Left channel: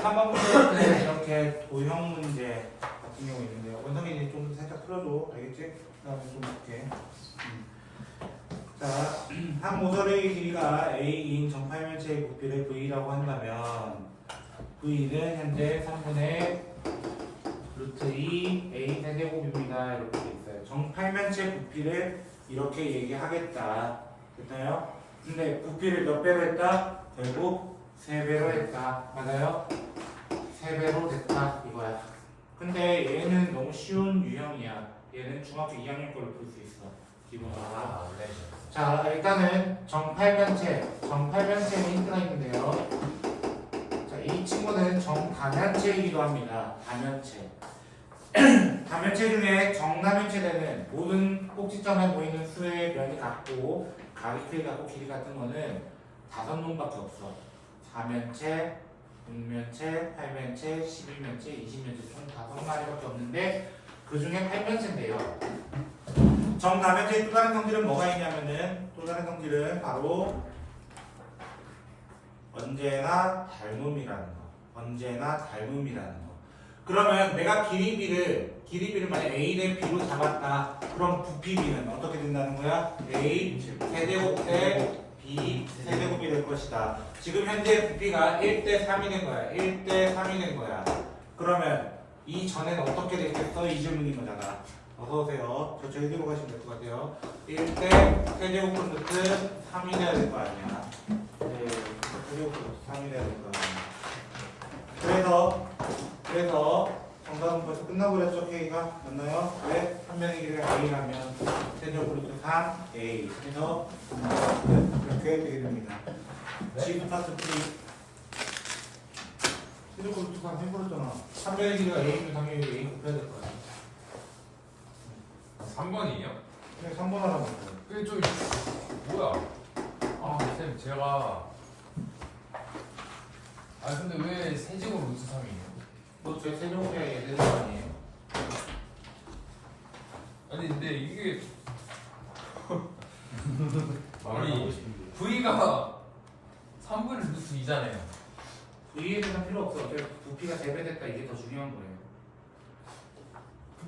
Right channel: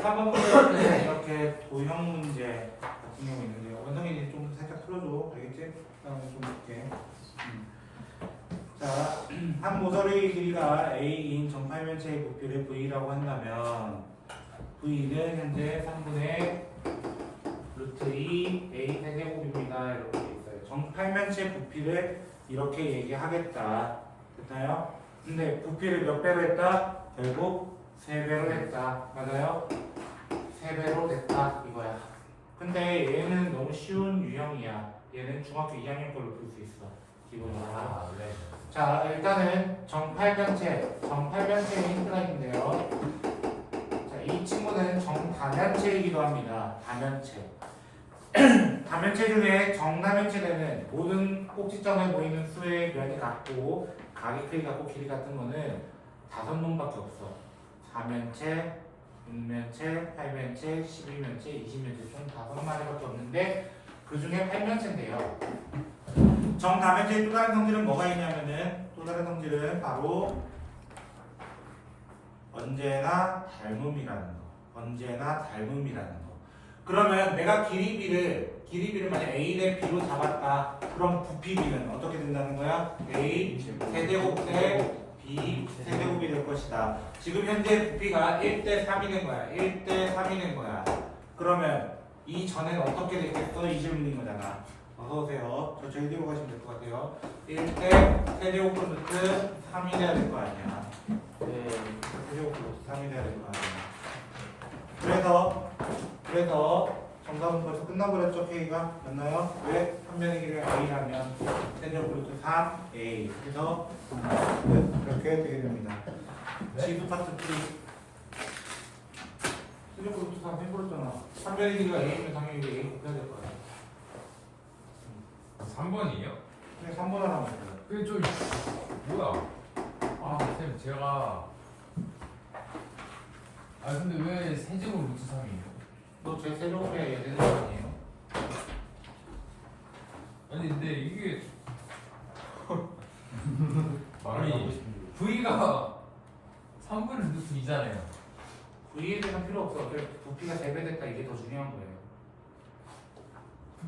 3번 문제는 이렇게 도형 문제 같은 경우 있는데요. 원성이 좀 살짝 풀어줘. 알겠지? 그다음에 좀 볼게. 자, 한 모서리의 길이가 A인 정팔면체의 부피를 V라고 한다면 V는 현재 3분의 루트 2 A 세제곱입니다. 이렇게 돼 있어요. 정팔면체 부피를 이렇게 얘기하겠다. 됐나요? 근데 부피를 몇 배로 했다? 결국 3배로 했다. 맞아요? 3배로 됐다. 이거야. 근데 얘는 너무 쉬운 유형이야. 얘는 중학교 2학년 걸로 풀 수 있어. 기본적으로. 네. 자, 일단은 정팔면체의 힌트가 있는데요. 자, 이 친구는 정다면체이기도 합니다. 다면체. 다면체 중에 정다면체되는 모든 꼭지점에 보이는 수의 면이 같고 각의 크기 같고 길이 같은 거는 5놈밖에 없어. 4면체, 6면체, 8면체, 11면체, 20면체 총 5마리밖에 없는데 그 중에 8면체인데요. 정다면체의 또 다른 성질은 뭐가 있냐면은 또 다른 성질은 바로 언제나 닮음이라는 거. 언제나 닮음이라는 거. 그러면 내가 길이비를 만약 A 대 B로 잡았다. 그럼 부피 B는 어떻게 된다는 거야? A 세제곱 대 B 세제곱이 될 것이다. 지금 현재 부피가 1대 3이 된 거야. 1대 3이 된 거야. 그러면 이 전에는 어떻게 됐겠어? 이 질문인 거잖아. 어서오세요. 저 제대로 가시면 될 것 같아요. 1대 세제곱분 루트 3이 돼야 될 거 아니야. 네, 세제곱분 루트 3이 돼야 될 거 아니야. 그래서 정답은 벌써 끝나버렸죠. K가 맞나요? 왜? 한 면의 길이가 A라면 세제곱 루트 3A 그래서 이렇게 되게 됩니다. 네? 지수 파트 3 세제곱 루트 3 해버렸잖아. 한 면의 길이가 A면 당연히 A 곱해야 될 거야. 3번이에요? 그냥 3번 하라고 했어요. 근데 저 뭐야? 아, 쌤 제가 근데 왜 세제곱 루트 3이에요? 너제 세제곱에 되는 거 아니에요? 아니 근데 이게 아니 V가 3분의 루트 2잖아요. V에 대한 필요 없어. 어차피 부피가 3배 됐다. 이게 더 중요한 거예요.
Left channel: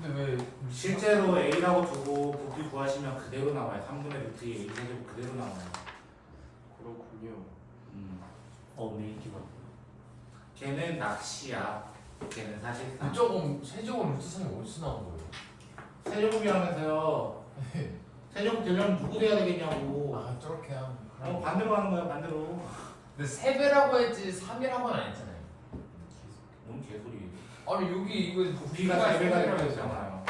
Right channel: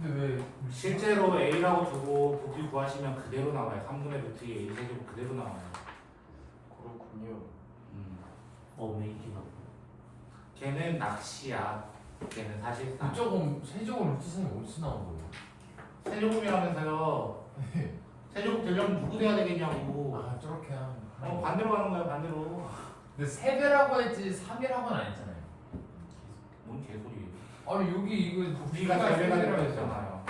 근데 왜 실제로 A라고 두고 부피 구하시면 그대로 나와요. 3분의 루트 2 A 세제곱 그대로 나와요. 그렇군요. 메이킹. 걔는 낚시야. 걔는 사실상 그쪽은 세제곱 루트 3이 어디서 나온 거예요? 세제곱이라면서요. 세제곱 되려면 누구 돼야 되겠냐고. 아 저렇게 하면 반대로 하는 거야. 반대로. 근데 3배라고 했지 3이라고는 안 했잖아요. 뭔 개소리. 아니 여기 이거 부피가 3배가 되려고 했잖아요.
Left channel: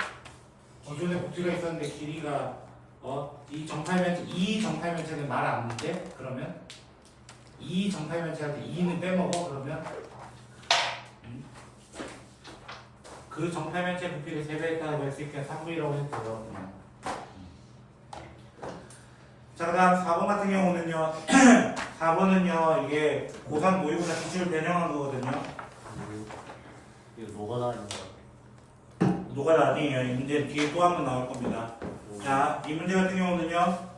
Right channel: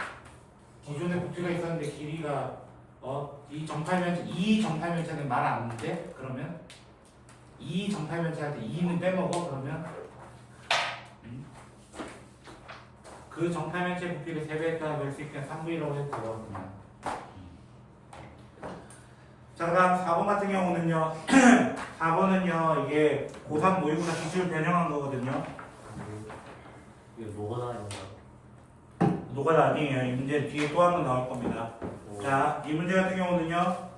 기존에 부피가 있었는데 길이가 이 정팔면체는 말 안 돼? 그러면 이 정팔면체한테 2는 빼먹어? 그러면 그 정팔면체 부피를 3배에다 낼 수 있게 3V라고 해도 돼요. 그냥. 자, 그 다음 4번 같은 경우는요. 4번은요 이게 고3 모의고사 기출 변형한 거거든요. 이게 뭐가 나는 노가 아니에요. 이 문제 뒤에 또 한 번 나올 겁니다. 자, 이 문제 같은 경우는요.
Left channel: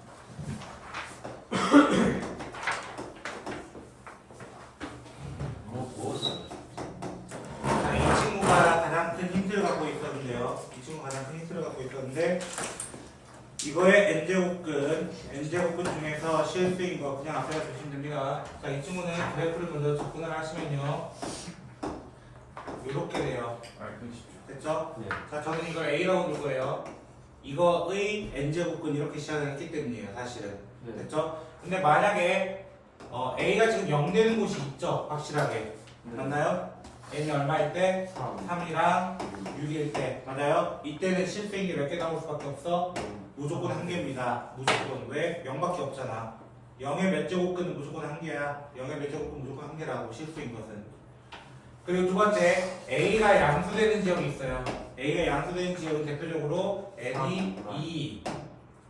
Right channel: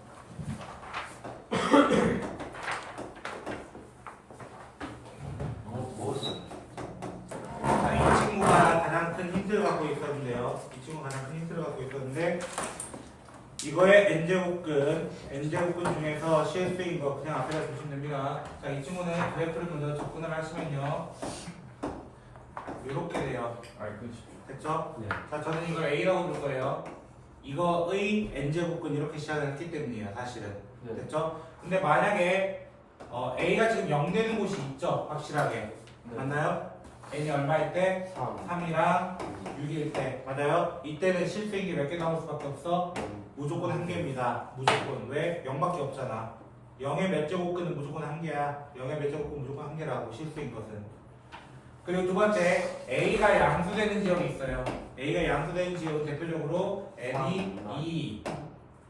자, 이 친구가 가장 큰 힌트를 갖고 있었는데요. 이 친구가 가장 큰 힌트를 갖고 있었는데 이거의 n제곱근 중에서 CS인 거 그냥 앞에다 주시면 됩니다. 자, 이 친구는 그래프를 먼저 접근을 하시면요. 이렇게 돼요. 됐죠? 네. 자, 저는 이걸 A라고 줄 거예요. 이거의 n제곱근 이렇게 시작을 했기 때문이에요, 사실은. 네. 됐죠? 근데 만약에 A가 지금 0 되는 곳이 있죠, 확실하게. 네. 맞나요? n이 얼마일 때? 3. 3이랑 6일 때. 맞아요? 이때는 실수인 게 몇 개 나올 수밖에 없어? 무조건 한 개입니다. 무조건. 왜? 0밖에 없잖아. 0의 몇 제곱근은 무조건 한 개야. 0의 몇 제곱근 무조건 한 개라고, 실수인 것은. 그리고 두 번째, A가 양수되는 지역이 있어요. A가 양수되는 지역은 대표적으로 n이 2.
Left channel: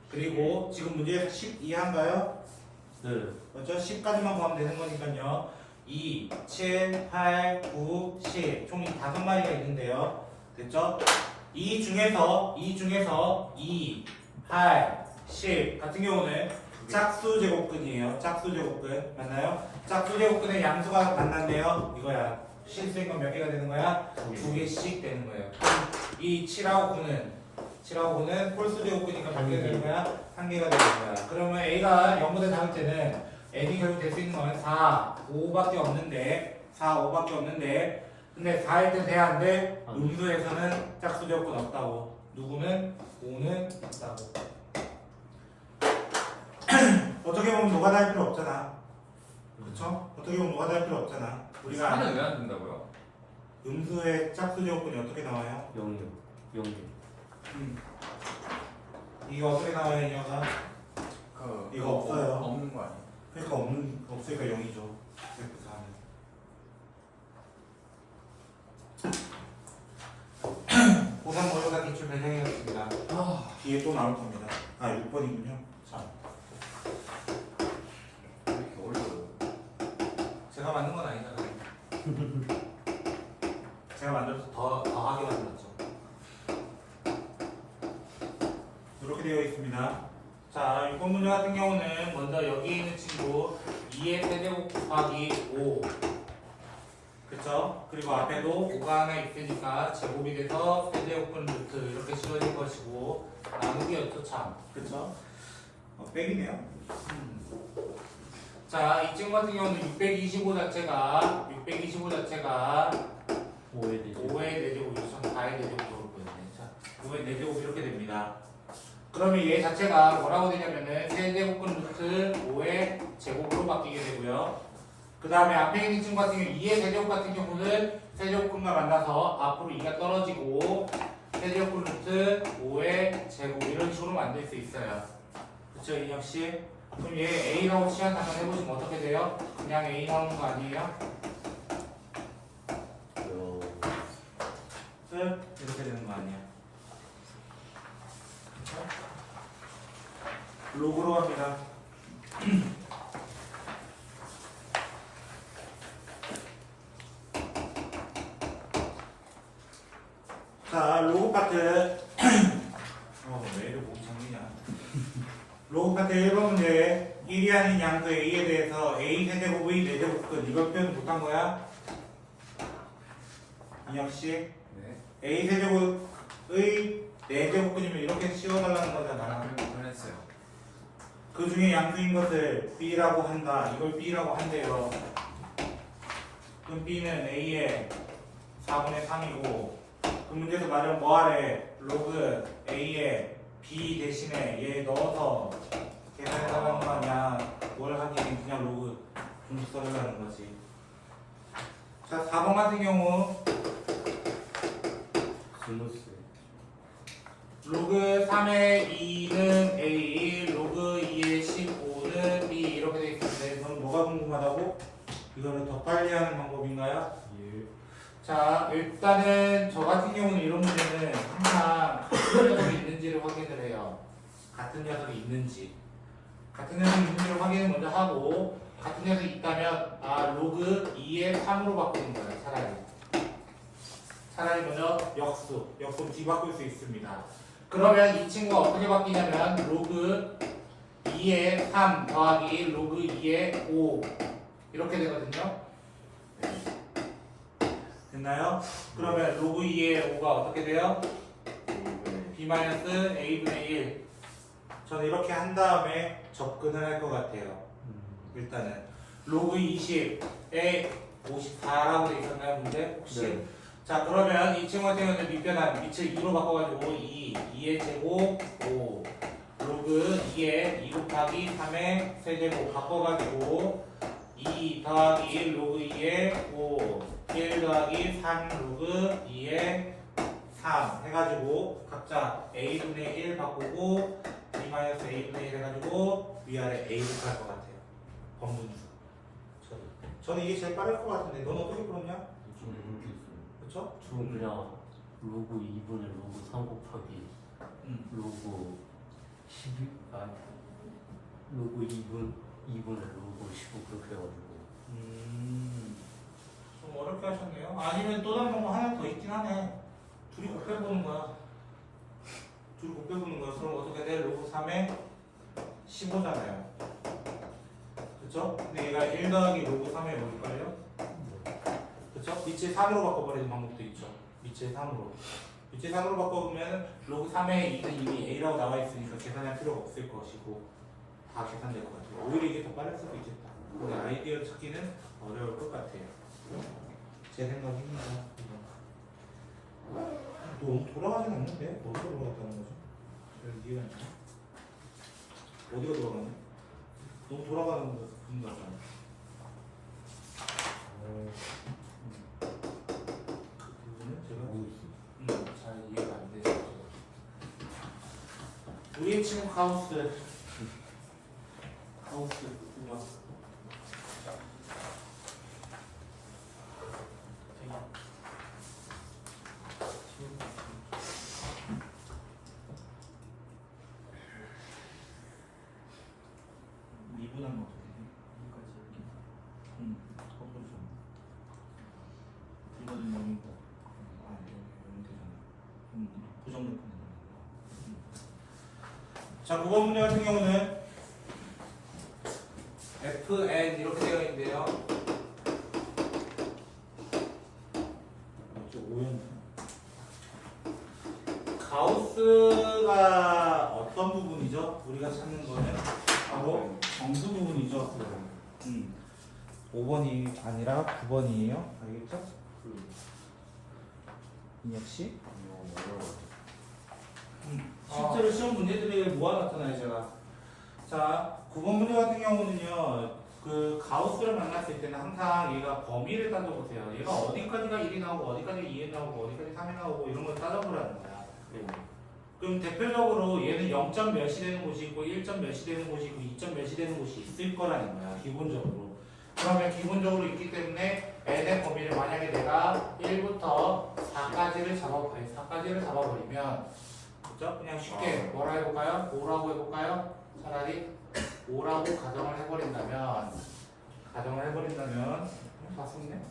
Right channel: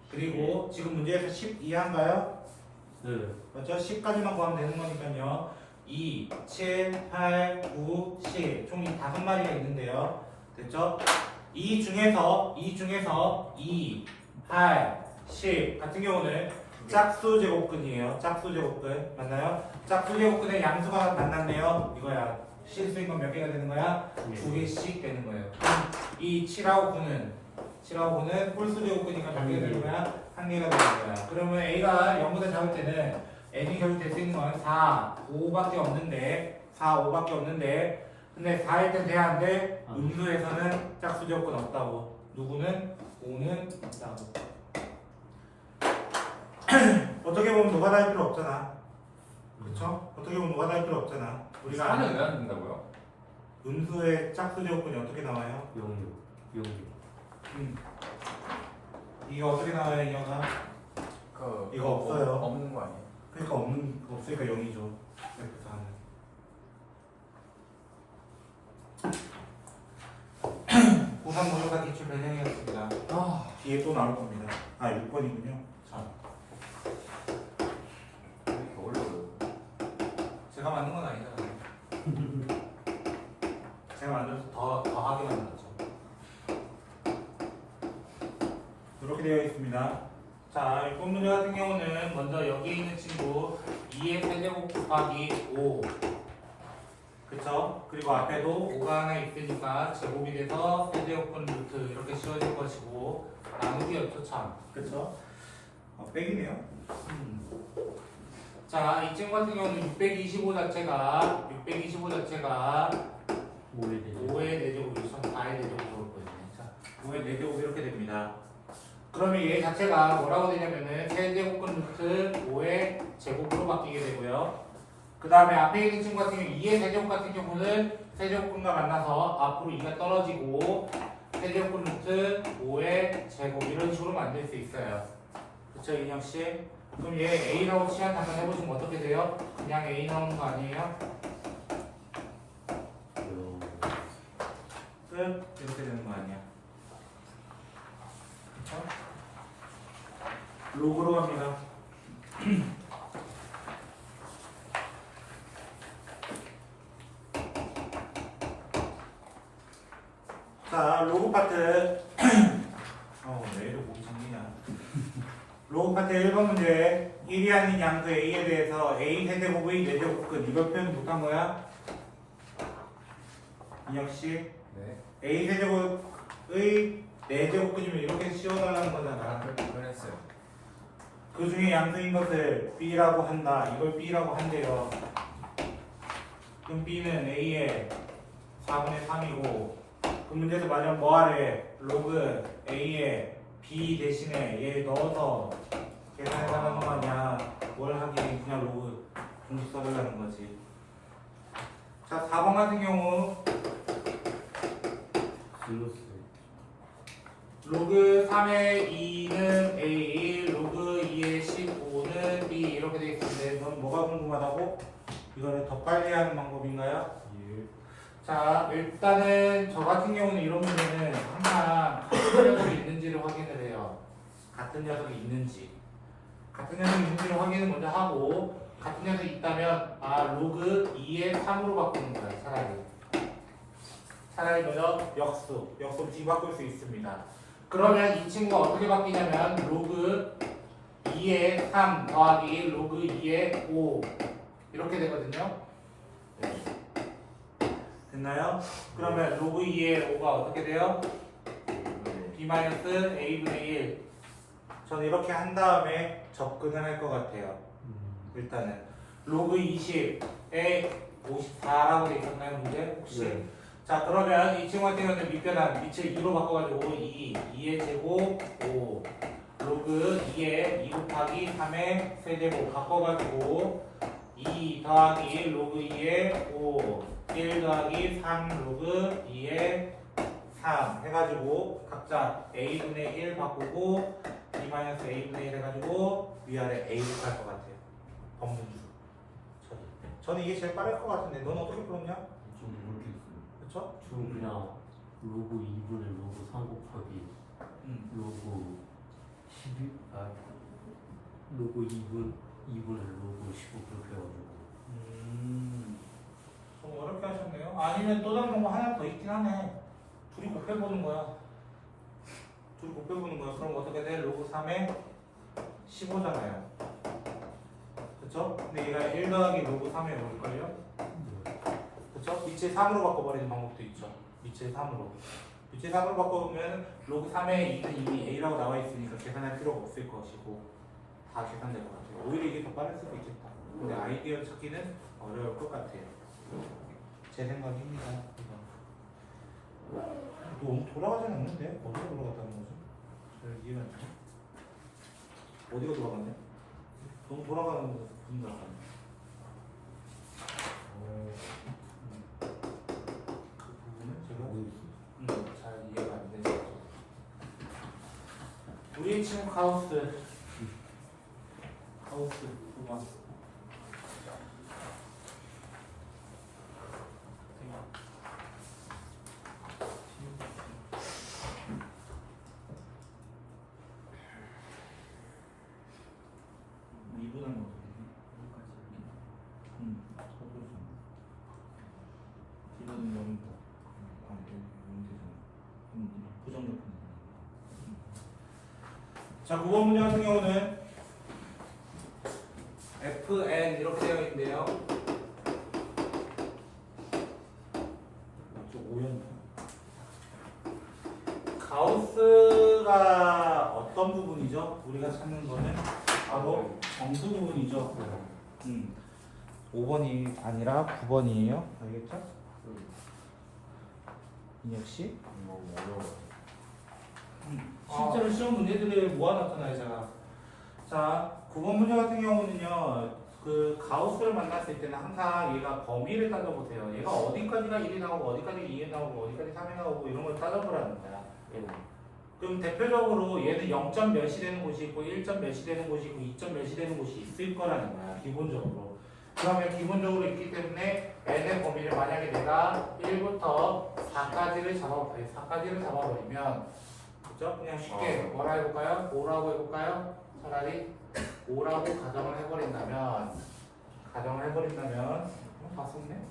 그리고 지금 문제에서 10 이해한가요? 네. 맞죠? 10까지만 구하면 되는 거니까요. 2, 7, 8, 9, 10. 총 5마리가 있는데요. 됐죠? 이 중에서 2, 8, 10 같은 경우는 짝수 제곱근이에요. 짝수 제곱근. 맞나요? 짝수 제곱근의 양수가 만났네요. 이거야. 실수인 건 몇 개가 되는 거야? 2개씩 되는 거예요. 이 7하고 9는 홀수 제곱근이니까 몇 개가 되는 거야? 1개가 되는 거야. 그러면 A가 0보다 작을 때는 n이 결국 될 수 있는 건 4, 5밖에 없는데 4, 5밖에 없는데 근데 4일 땐 돼야 안 돼? 음수에서는 짝수 제곱근 없다고. 누구는? 5는 있다고. 어떻게 보면 노가다 할 필요 없잖아. 그쵸? 어떻게 보면 노가다 할 필요 없잖아. 우리가 4는 왜 안 된다고요? 음수의 짝수 제곱근이 어떻게 나와요? 0. 이게 어떻게 나와요, 이 녀석? 이거 없어요. 없는 거 아니에요? 그러니까 없으니까 0이죠. 이렇게 다음에. 고3 모의고사 기출 배정이었습니다. 뒤에 또 나올 겁니다. 6번이군요. 자, 왜 이렇게 어려워요? 제가 만든 건 아니잖아요. 제가 만들어서 더하게 만들었죠. 이렇게 되어 있습니다. 자, 6번 문제 같은 경우는 먼저 여기에 있는 친구 2의 세제곱 곱하기 5 그쵸? 그리고 앞에도 5가 하나 있으니까 제곱이 돼서 세제곱분 루트 이렇게 씌워질 것이고 나누기였죠 참 그쵸? 빼기네요. 자, 이 친구 같은 경우는 625 자체가 5의 4제곱, 4의 4제곱으로 올 거예요. 자, 5의 4제곱 이렇게 됩니다. 그러면 얘 자체가 뭐라고 되냐면은 세제곱근 루트 5의 제곱으로 바뀌게 되고요. 그 다음에 앞에 있는 친구 같은 경우 2의 세제곱 같은 경우는 세제곱근과 만나서 앞으로 2가 떨어지고 세제곱근 루트 5의 제곱 이런 식으로 만들 수 있어요. 그쵸 인혁씨? 그럼 얘 A라고 치환 한번 해보시면 어떻게 돼요? 그냥 A 나오는 거 아니에요? 끝? 이렇게 되는 거 아니야? 그쵸? 로그로 합니다. 자, 로그 파트. 왜 이렇게 목이 잠기냐. 로그 파트 1번 문제. 1이 아닌 양수 A에 대해서 A 세제곱의 4제곱근. 이걸 표현 못한 거야? 인혁씨. 네. A 세제곱의 4제곱근이면 이렇게 씌워달라는 거잖아. 그랬어요. 그 중에 양수인 것을 B라고 한다. 이걸 B라고 한대요. 그럼 B는 A의 4분의 3이고 그 문제에서 말하면 뭐하래? 로그 A의 B 대신에 얘 넣어서 계산해달라는 거 아니야. 뭘 하기엔 그냥 로그 공식 써달라는 거지. 자, 4번 같은 경우 로그 3의 2는 A, 로그 2의 15는 B 이렇게 되어 있는데 너는 뭐가 궁금하다고? 이거를 더 빨리 하는 방법인가요? 자, 일단은 저 같은 경우는 이런 문제는 항상 같은 녀석이 있는지를 확인을 해요. 같은 녀석이 있는지. 같은 녀석이 있는지를 확인을 먼저 하고 같은 녀석이 있다면 로그 2의 3으로 바꾸는 거예요. 차라리 먼저 역수 뒤바꿀 수 있습니다. 그러면 이 친구가 어떻게 바뀌냐면 로그 2의 3 더하기 로그 2의 5 이렇게 되거든요. 됐나요? 그러면 로그 2의 5가 어떻게 돼요? B-A분의 1 저는 이렇게 한 다음에 접근을 할 것 같아요. 일단은 로그 20에 54라고 되어 있었나요? 문제? 혹시? 네. 자, 그러면 이 친구 같은 경우는 밑변환 밑을 2로 바꿔가지고 2의 제곱 5 로그 2의 2 곱하기 3의 세제곱 바꿔가지고 2 더하기 로그 2의 5 1 더하기 3 로그 2의 3 해가지고 각자 A분의 1 바꾸고 B-A분의 1 해가지고 위아래 A로 갈 것 같아요. 범분수 저는 이게 제일 빠를 것 같은데 넌 어떻게 풀었냐? 그쵸? 그냥 로그 2분의 로그 3 곱하기 로그 12 로그 2분의 로그 15 그렇게 해가지고 좀 어렵게 하셨네요. 아니면 또 다른 방법 하나 더 있긴 하네. 둘이 곱해보는 거야. 그럼 어떻게 돼? 로그 3에 15잖아요. 그쵸? 근데 얘가 1 더하기 로그 3에 뭘걸요? 그쵸? 밑에 3으로 바꿔버리는 방법도 있죠. 밑에 3으로. 밑에 3으로 바꿔보면 로그 3의 2는 이미 A라고 나와 있으니까 계산할 필요가 없을 것이고 다 계산될 것 같아요. 오히려 이게 더 빠를 수도 있겠다. 근데 아이디어 찾기는 어려울 것 같아요. 제 생각입니다. 너무 돌아가진 않는데? 어디가 돌아갔다는 거죠? 별 이해가 안 돼. 어디가 돌아갔냐? 너무 돌아가는 거죠. 분다가. 그 부분은 제가 잘 이해가 안 되죠. 우리의 친구 카우스. 카우스 구경. 미분한 거 이거는 너무 부정적인. 자, 9번 문제 같은 경우는 FN 이렇게 되어 있는데요. 가우스가 어떤 부분이죠? 우리가 찾는 거는 바로 정수 부분이죠. 5번이 아니라 9번이에요. 알겠죠? 인혁 씨? 실제로 시험 문제들이 모아놨잖아요, 제가. 자, 9번 문제 같은 경우는요, 그 가우스를 만났을 때는 항상 얘가 범위를 따져보세요. 얘가 어디까지가 1이 나오고, 어디까지 2이 나오고, 어디까지 3이 나오고, 이런 걸 따져보라는 거야. 그럼 대표적으로 얘는 0점 몇이 되는 곳이 있고, 1점 몇이 되는 곳이 있고, 2점 몇이 되는 곳이 있을 거라는 거야, 기본적으로. 그러면 기본적으로 있기 때문에 n의 범위를 만약에 내가 1부터 4까지를 잡아버리면 그죠? 그냥 쉽게 뭐라 해볼까요? 5라고 해볼까요? 차라리 5라고 가정을 해버린다면 다 썼네?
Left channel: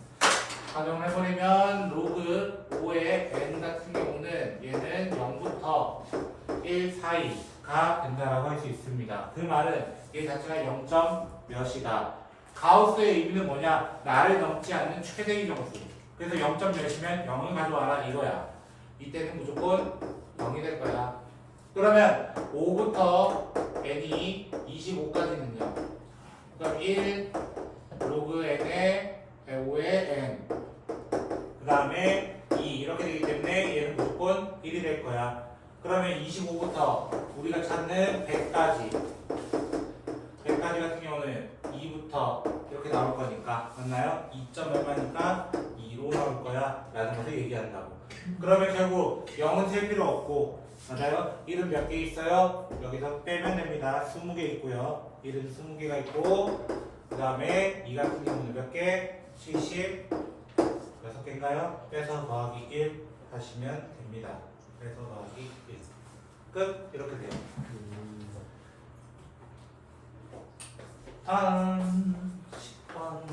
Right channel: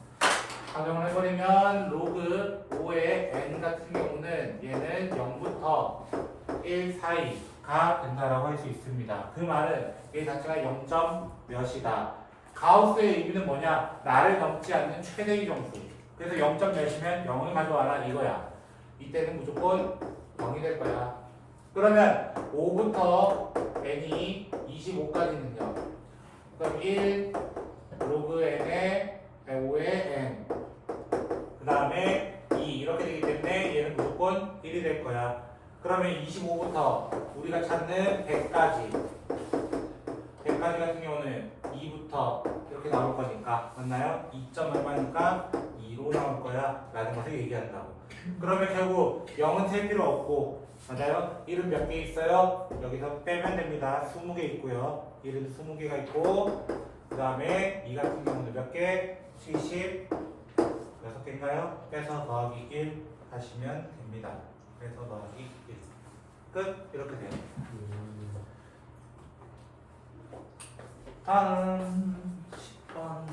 가정을 해버리면 로그 5의 n 같은 경우는 얘는 0부터 1 사이가 된다라고 할 수 있습니다. 그 말은 얘 자체가 0점 몇이다. 가우스의 의미는 뭐냐? 나를 넘지 않는 최대의 정수. 그래서 0점 몇이면 0을 가져와라 이거야. 이때는 무조건 0이 될 거야. 그러면 5부터 n이 25까지는요. 그럼 1 로그 n의 5의 n 그 다음에 2 이렇게 되기 때문에 얘는 무조건 1이 될 거야. 그러면 25부터 우리가 찾는 100까지 같은 경우는 2부터 이렇게 나올 거니까 맞나요? 2점 얼마니까 2로 나올 거야 라는 것을 얘기한다고. 그러면 결국 0은 셀 필요 없고 맞아요? 1은 몇 개 있어요? 여기서 빼면 됩니다. 20개 있고요. 1은 20개가 있고 그 다음에 2 같은 경우는 몇 개? 76개인가요? 빼서 더하기 1 하시면 됩니다. 빼서 더하기 1 끝! 이렇게 돼요. 다음 10번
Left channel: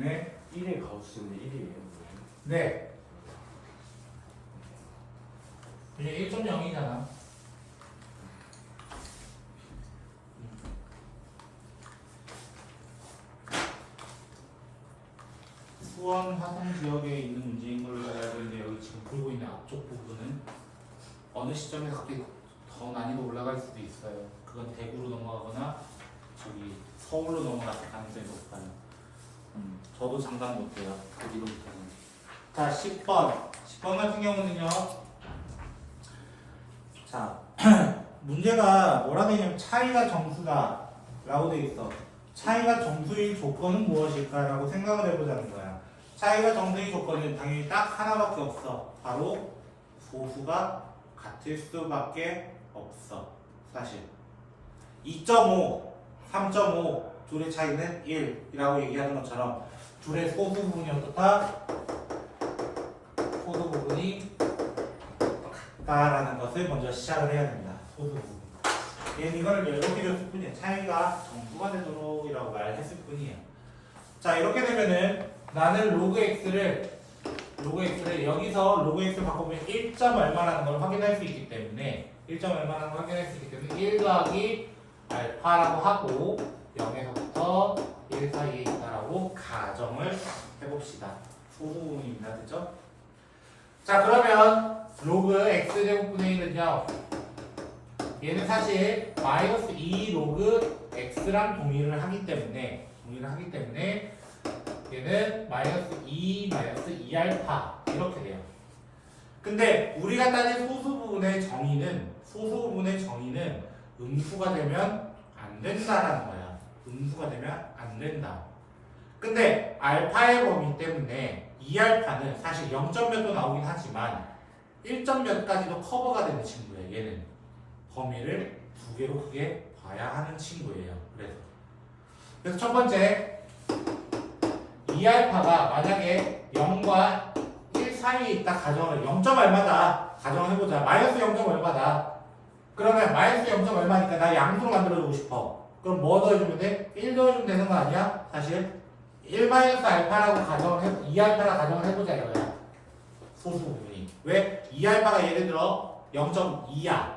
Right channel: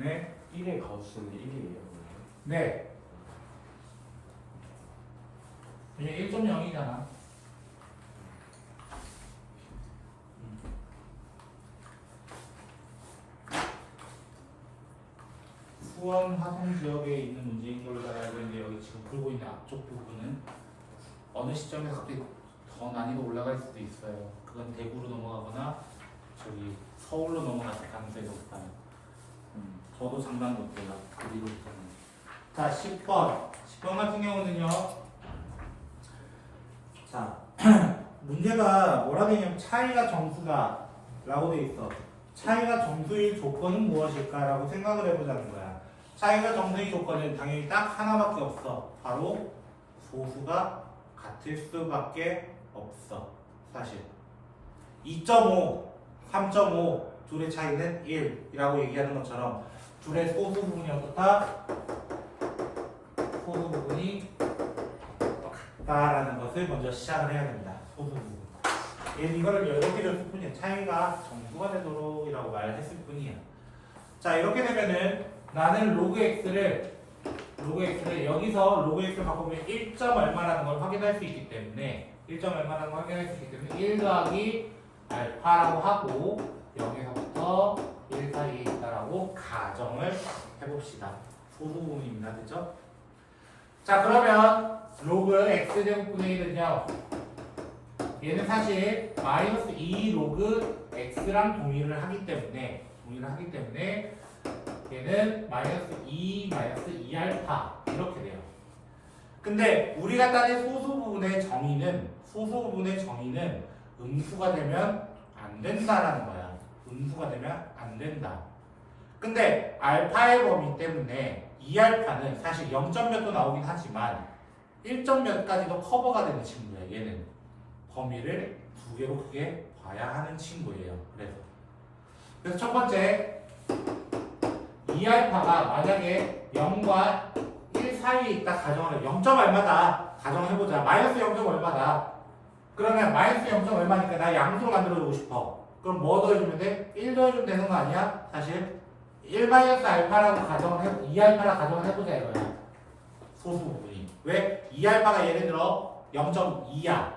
네. 1의 가우스는 1이에요. 네. 그냥 1.0이잖아. 수원 화성 지역에 있는 문제인 걸로 알아야 되는데 여기 지금 풀고 있는 앞쪽 부분은 어느 시점에 갑자기 더 난이도 올라갈 수도 있어요. 그건 대구로 넘어가거나 저기 서울로 넘어갔을 가능성이 높아요. 저도 장담 못해요. 그리고 자 10번 같은 경우는요. 자 문제가 뭐라 되냐면 차이가 정수다 라고 돼 있어. 차이가 정수의 조건은 무엇일까 라고 생각을 해보자는 거야. 차이가 정수의 조건은 당연히 딱 하나밖에 없어. 바로 소수가 같을 수밖에 없어. 사실 2.5 3.5 둘의 차이는 1이라고 얘기하는 것처럼 둘의 소수 부분이 어떻다? 소수 부분이 다라는 것을 먼저 시작을 해야 됩니다. 소수 부분. 얘는 이걸 이렇게 줬을 뿐이에요. 차이가 정수가 되도록이라고 말했을 뿐이에요. 자, 이렇게 되면은 나는 로그 x를 여기서 로그 x를 바꾸면 1점 얼마라는 걸 확인할 수 있기 때문에 1점 얼마라는 걸 확인할 수 있기 때문에 1 더하기 알파라고 하고 0에서부터 1 사이에 있다라고 가정을 해봅시다. 소수 부분입니다. 됐죠? 자, 그러면 로그 x제곱분의 1은요 얘는 사실 마이너스 2 로그 x랑 동일을 하기 때문에 얘는 마이너스 2알파 이렇게 돼요. 근데 우리가 따진 소수 부분의 정의는 음수가 되면 안 된다라는 거야. 음수가 되면 안 된다. 근데 알파의 범위 때문에 2알파는 사실 0점 몇도 나오긴 하지만 1점 몇까지도 커버가 되는 친구예요. 얘는 범위를 두 개로 크게 봐야 하는 친구예요. 그래서 첫 번째 2알파가 만약에 0과 1 사이에 있다 가정을 0점 얼마다 가정을 해보자. 마이너스 0점 얼마다. 그러면 마이너스 0점 얼마니까 나 양수로 만들어주고 싶어. 그럼 뭐 더해주면 돼? 1 더해주면 되는 거 아니야? 사실 1 마이너스 알파라고 가정을 해 2알파라 가정을 해보자 이거야. 소수 부분이. 왜? 2알파가 예를 들어 0.2야.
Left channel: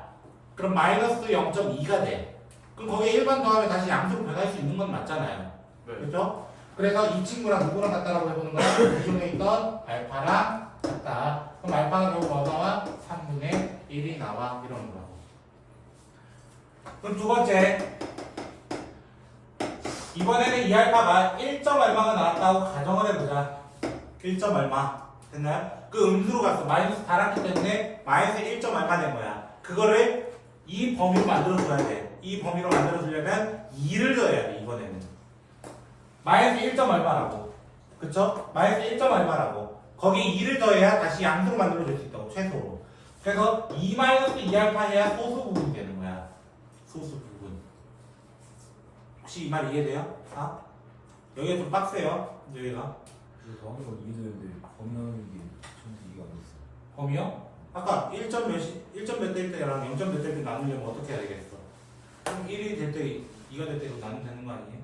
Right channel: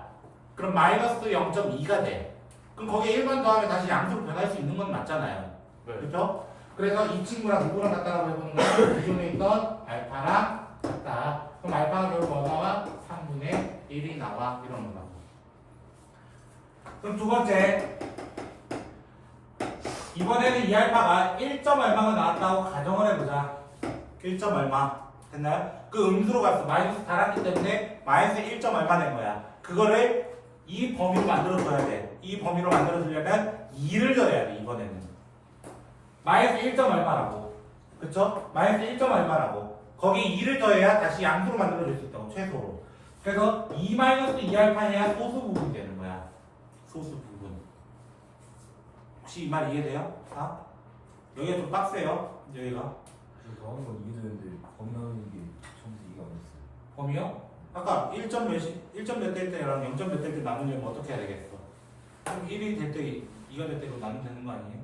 그럼 마이너스 0.2가 돼. 그럼 거기에 1번 더하면 다시 양수로 변할 수 있는 건 맞잖아요. 그렇죠? 그래서 이 친구랑 누구랑 같다라고 해보는 거야? 기존에 있던 알파랑 같다. 그럼 알파가 결국 뭐 나와? 3분의 1이 나와. 이런 거라고. 그럼 두 번째. 이번에는 이 알파가 1점 얼마가 나왔다고 가정을 해보자. 1점 얼마. 됐나요? 그 음수로 갔어. 마이너스 달았기 때문에 마이너스 1점 얼마 된 거야. 그거를 이 범위로 만들어줘야 돼. 이 범위로 만들어주려면 2를 넣어야 돼. 이번에는. 마이너스 1점 얼마라고. 그쵸? 마이너스 1점 얼마라고. 거기 2를 더해야 다시 양수로 만들어줄 수 있다고. 최소로. 그래서 2 마이너스 2알파해야 소수 부분이 되는 거야. 소수 부분. 혹시 이 말 이해돼요? 아? 여기가 좀 빡세요. 여기가. 그래서 하는 건 이해되는데 범위하는 게 처음부터 이해가 안 됐어요. 범위요? 아까 1점 몇 될 때랑 0점 몇 될 때 나누려면 어떻게 해야 되겠어? 1이 될 때 2가 될 때로 나누면 되는 거 아니에요?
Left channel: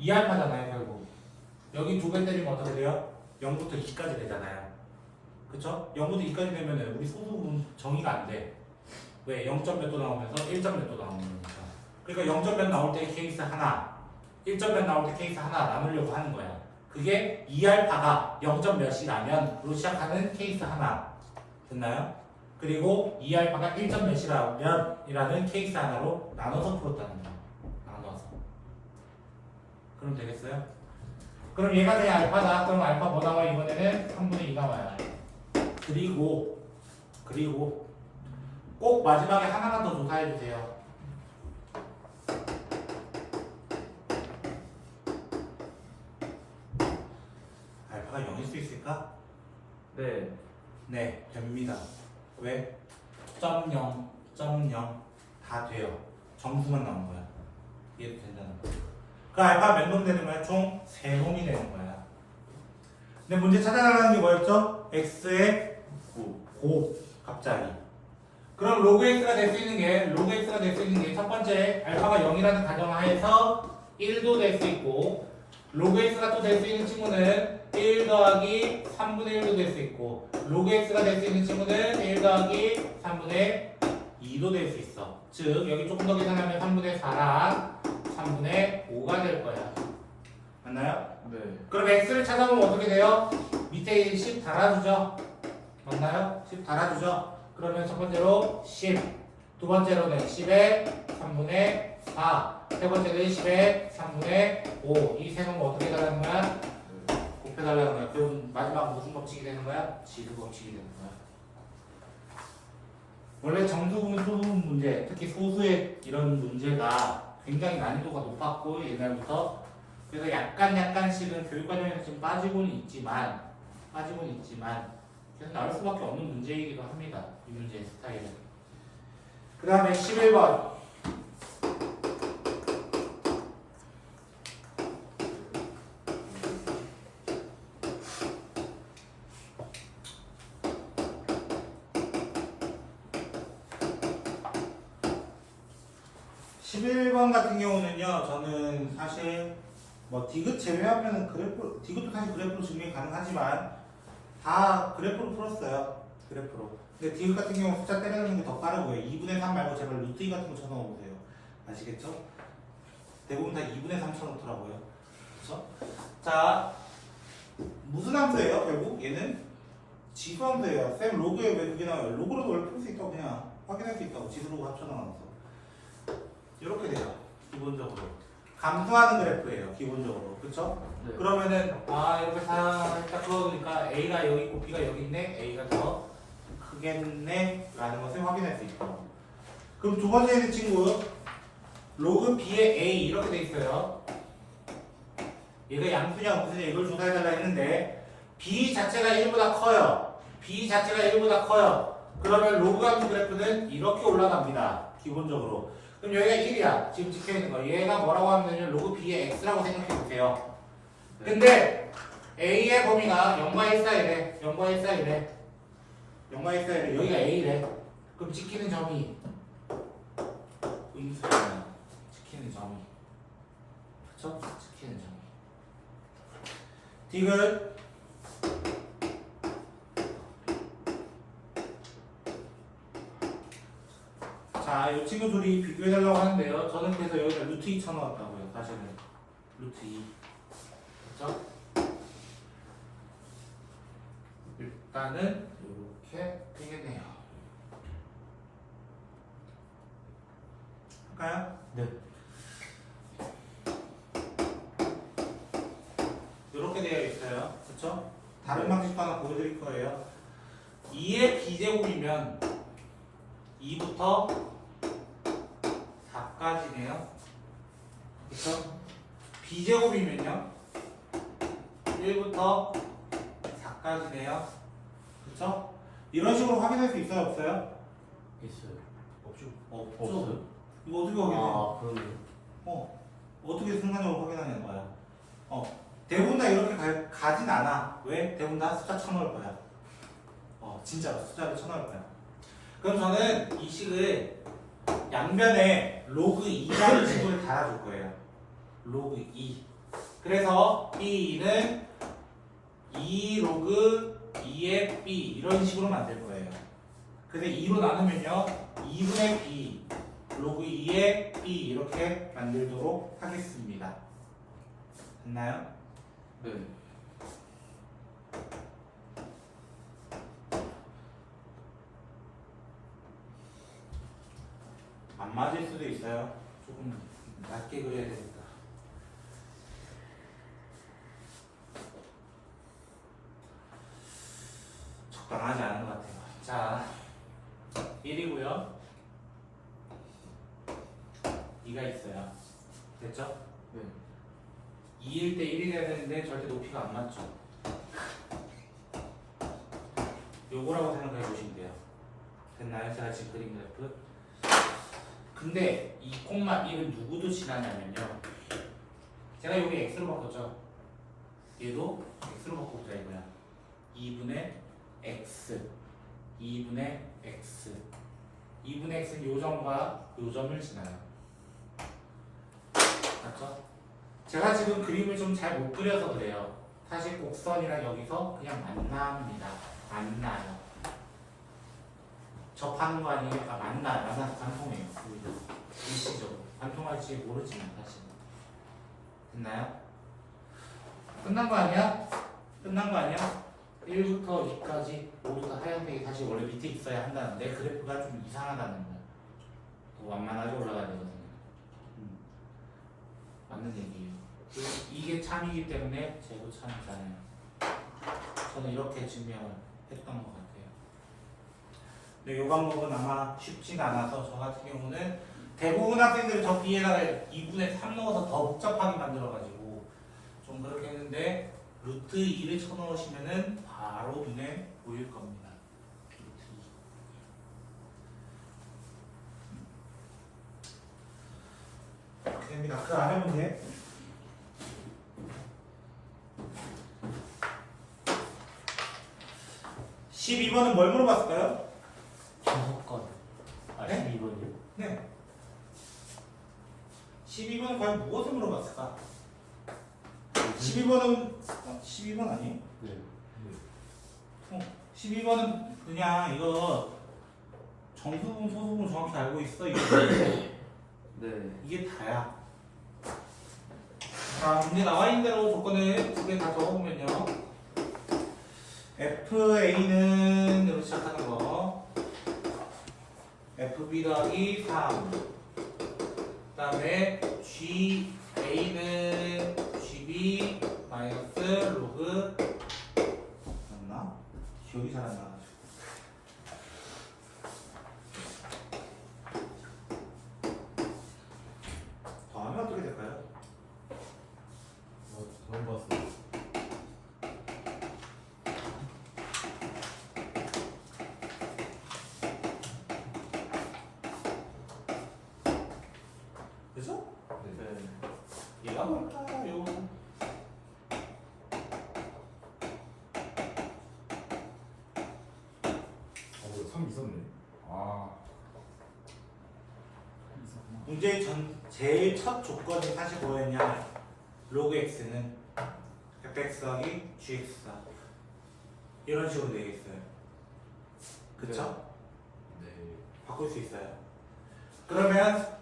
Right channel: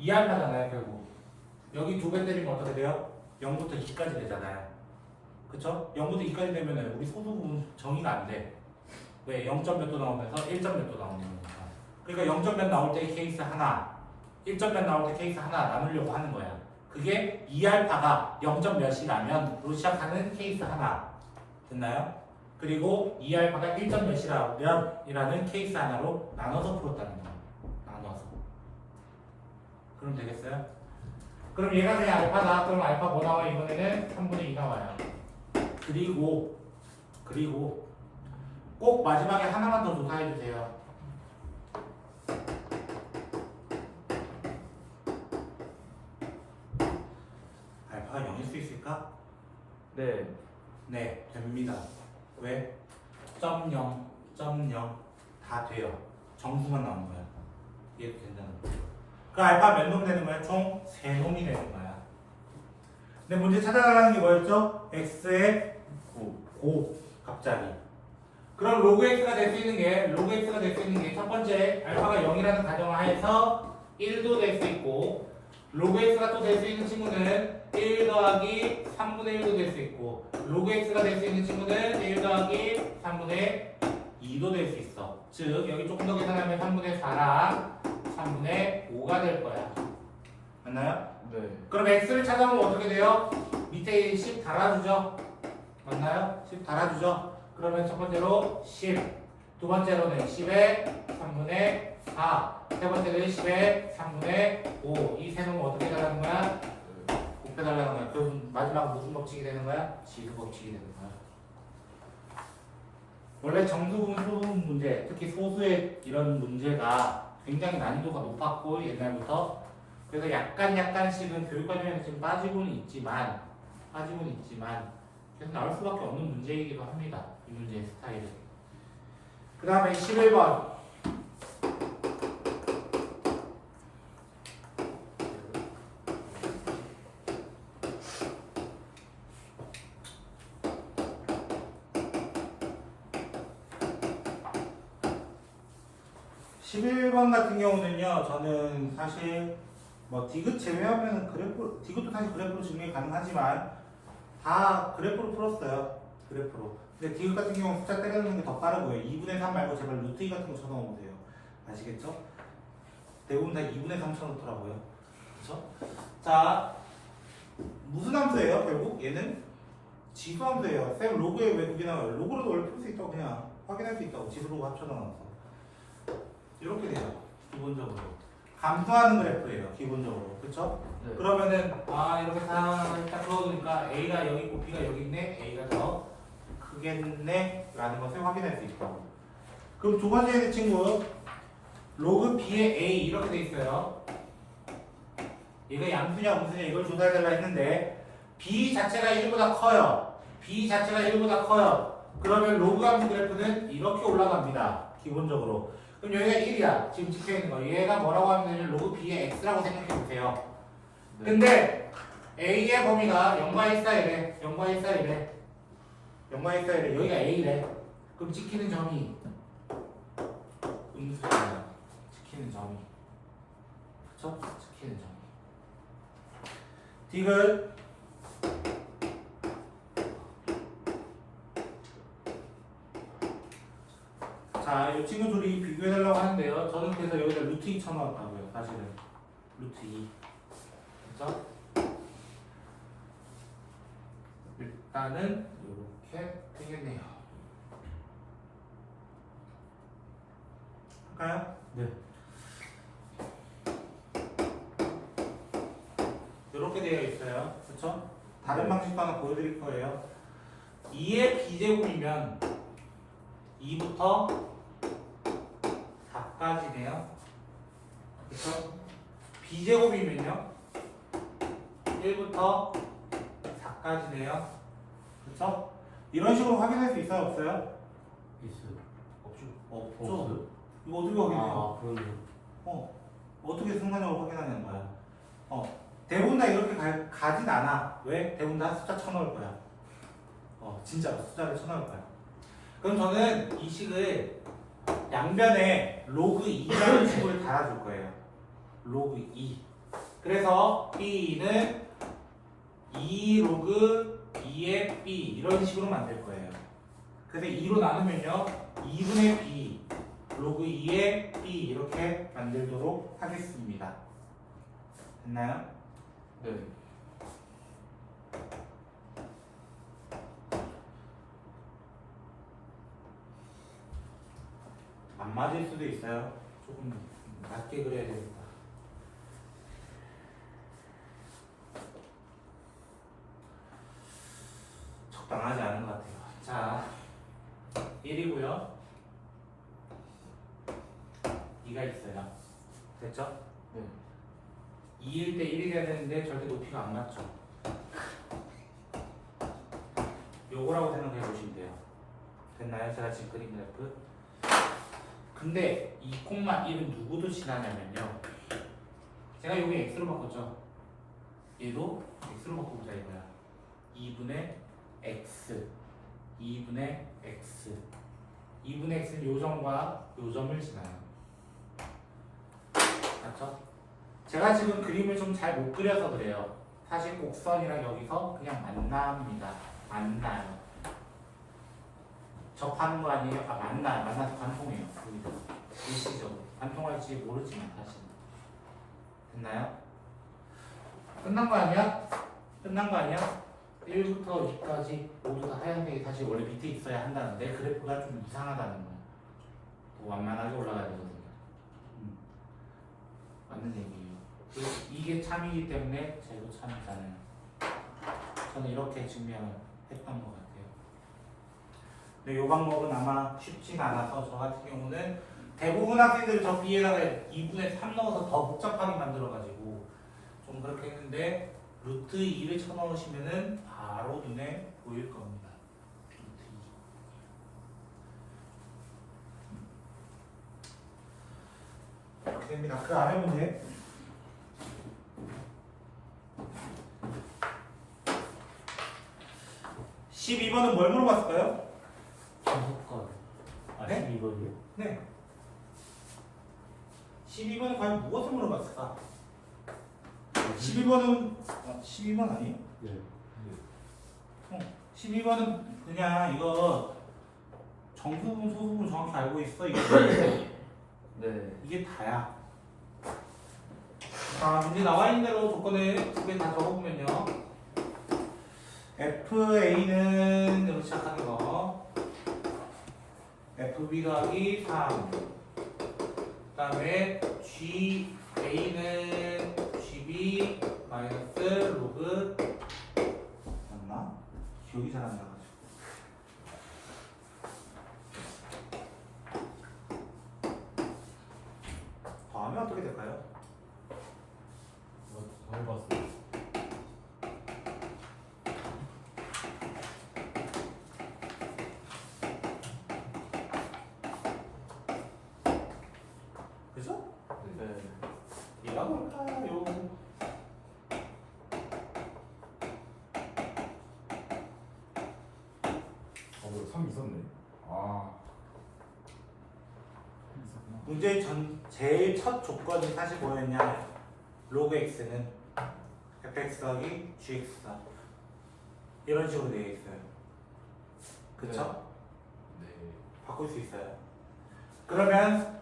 2알파잖아요 결국. 여기 2배 때리면 어떻게 돼요? 0부터 2까지 되잖아요. 그쵸? 0부터 2까지 되면 우리 소수 부분 정의가 안 돼. 왜? 0점 몇 도 나오면서 1점 몇 도 나오는 거니까. 그러니까 0점 몇 나올 때 케이스 하나, 1점 몇 나올 때 케이스 하나 남으려고 하는 거야. 그게 2알파가 0점 몇이라면으로 시작하는 케이스 하나. 됐나요? 그리고 2알파가 1점 몇이라면이라는 케이스 하나로 나눠서 풀었다는 거야. 나눠서. 그럼 되겠어요? 그럼 얘가 그냥 알파다. 그럼 알파 뭐 나와? 이번에는 3분의 2 나와요. 그리고 꼭 마지막에 하나만 더 조사해주세요. 알파가 0일 수 있을까? 네. 네, 됩니다. 왜? 0, 다 돼요. 정수만 나온 거야. 이해도 된다는 거야. 그 알파 몇 놈 되는 거야? 총 3놈이 되는 거야. 근데 문제 찾아가라는 게 뭐였죠? x의 곱 갑자기. 그럼 로그 x가 될 수 있는 게 첫 번째 알파가 0이라는 가정하에서 1도 될 수 있고 로그 x가 또 될 수 있는 친구는 1 더하기 3분의 1도 될 수 있고 로그 x가 될 수 있는 친구는 1 더하기 3분의 2도 될 수 있어. 즉 여기 조금 더 계산하면 3분의 4랑 3분의 5가 될 거야. 맞나요? 네. 그럼 x를 찾아보면 어떻게 돼요? 밑에 10 달아주죠? 맞나요? 10 달아주죠? 그러면 첫 번째로 10, 두 번째로는 10의 3분의 4, 세 번째는 10의 3분의 5. 이 세 놈을 어떻게 달라는 거야? 곱해달라는 거야. 그럼 마지막 무슨 법칙이 되는 거야? 지수 법칙이 되는 거야. 원래 정수분, 소수분 문제, 특히 소수의 이런 문제가 굉장히 난이도가 높았고 옛날부터 그래서 약간씩은 교육과정에서 지금 빠지고는 있지만 계속 나올 수밖에 없는 문제이기도 합니다. 이 문제의 스타일은. 그 다음에 11번. 11번 같은 경우는요, 저는 사실 뭐 디귿 제외하면은 그래프, 디귿도 사실 그래프로 증명이 가능하지만 다 그래프로 풀었어요. 그래프로. 근데 디귿 같은 경우 숫자 때려넣는 게 더 빠르고요. 2분의 3 말고 제발 루트 2 같은 거 쳐넣어보세요. 아시겠죠? 대부분 다 2분의 3 쳐놓더라고요. 그쵸? 자, 무슨 함수예요? 결국 얘는 지수함수예요. 쌤 로그에 왜 그게 나와요? 로그로도 원래 풀 수 있다고 그냥 확인할 수 있다고 지수로 합쳐놔서 이렇게 돼요. 기본적으로 감소하는 그래프예요. 기본적으로 그쵸? 네. 그러면은 이렇게 살짝 풀어두니까 A가 여기 있고 B가 여기 있네. A가 더 크겠네 라는 것을 확인할 수 있다고. 그럼 두 번째 예제 친구 로그 B의 A 이렇게 돼 있어요. 얘가 양수냐 음수냐 이걸 조사해달라 했는데 B 자체가 1보다 커요. B 자체가 1보다 커요. 그러면 로그 함수 그래프는 이렇게 올라갑니다. 기본적으로. 그럼 여기가 1이야. 지금 찍혀있는 거. 얘가 뭐라고 하면 로그 B의 X라고 생각해보세요. 근데 A의 범위가 0과 1 사이래. 0과 1 사이래. 0과 1 사이래. 여기가 A래. 그럼 찍히는 점이 음수잖아요. 찍히는 점이. 그쵸? 찍히는 점이. 디귿 자, 이 친구 둘이 비교해달라고 하는데요. 저는 그래서 여기다 루트 2 쳐넣었다고요. 사실은 루트 2 그쵸? 일단은 이렇게 되겠네요. 할까요? 네. 이렇게 되어 있어요. 그쵸? 다른 방식도 하나 보여드릴 거예요. 2의 b제곱이면 2부터 4까지네요. 그쵸? b제곱이면요 1부터 4까지네요. 그쵸? 이런 식으로 확인할 수 있어요? 없어요? 있어요. 없죠. 없어요? 이거 어떻게 확인해요? 아, 그러네. 어떻게 순간적으로 확인하냐는 거야. 대부분 다 이렇게 가진 않아. 왜? 대부분 다 숫자 쳐넣을 거야. 진짜 숫자를 쳐넣을 거야. 그럼 저는 이 식을 양변에 로그 2라는 식을 달아줄 거예요. 로그 2. 그래서 B는 2 로그 2의 B 이런 식으로 만들 거예요. 그래서 2로 나누면요 2분의 B 로그 2의 B 이렇게 만들도록 하겠습니다. 됐나요? 네. 안 맞을 수도 있어요. 조금 낮게 그려야 되니까. 적당하지 않은 것 같아요. 자, 1이고요. 2가 있어요. 됐죠? 네. 2일 때 1이 돼야 되는데 절대 높이가 안 맞죠. 요거라고 생각해 보시면 돼요. 됐나요? 제가 지금 그린 그래프. 근데 2,1은 누구도 지나냐면요. 제가 여기 x로 바꿨죠. 얘도 x로 바꿔보자 이거야. 2분의 x 2분의 x 2분의 x는 요 점과 요 점을 지나요. 맞죠? 제가 지금 그림을 좀 잘 못 그려서 그래요. 사실 곡선이랑 여기서 그냥 만납니다. 만나요. 접하는 거 아니에요? 만나요. 만나서 관통해요. 여기서 일시적으로 관통할지 모르지만 사실. 됐나요? 끝난 거 아니야? 끝난 거 아니야? 1부터 2까지 모두 다 하얀색이 사실 원래 밑에 있어야 한다는데 그래프가 좀 이상하다는 거야. 더 완만하게 올라가야 되거든요. 맞는 얘기예요. 이게 참이기 때문에 제도 참이잖아요. 저는 이렇게 증명을 했던 것 같아요. 근데 이 방법은 아마 쉽진 않아서 저 같은 경우는 대부분 학생들이 저 B에다가 2분의 3 넣어서 더 복잡하게 만들어가지고 좀 그렇게 했는데 루트 2를 쳐넣으시면은 바로 눈에 보일 겁니다. 루트 2. 이렇게 됩니다. 그 아래 문제. 12번은 뭘 물어봤을까요? 주소권. 네? 12번이요? 네. 12번은 과연 무엇을 물어봤을까? 12번은 12번 아니에요? 네. 12번은 그냥 이거 정수분 소수분 정확히 알고 있어. 네. 이게 다야. 자, 문제 나와 있는 대로 조건을 두 개 다 적어보면요. FA는 으로 시작하는 거. FB 더하기 3. 그 다음에 GA는 GB 마이너스 로그 맞나? 기억이 잘 안 나가지고. 더하면 어떻게 될까요? 처음 봤어요. 그죠? 네. 얘가 뭘까요? 이거 3 있었네. 아. 문제의 제일 첫 조건이 사실 뭐였냐? 로그 x는 fx 더하기 gx다. 이런 식으로 되어 있어요. 그쵸? 네. 바꿀 수 있어요. 그러면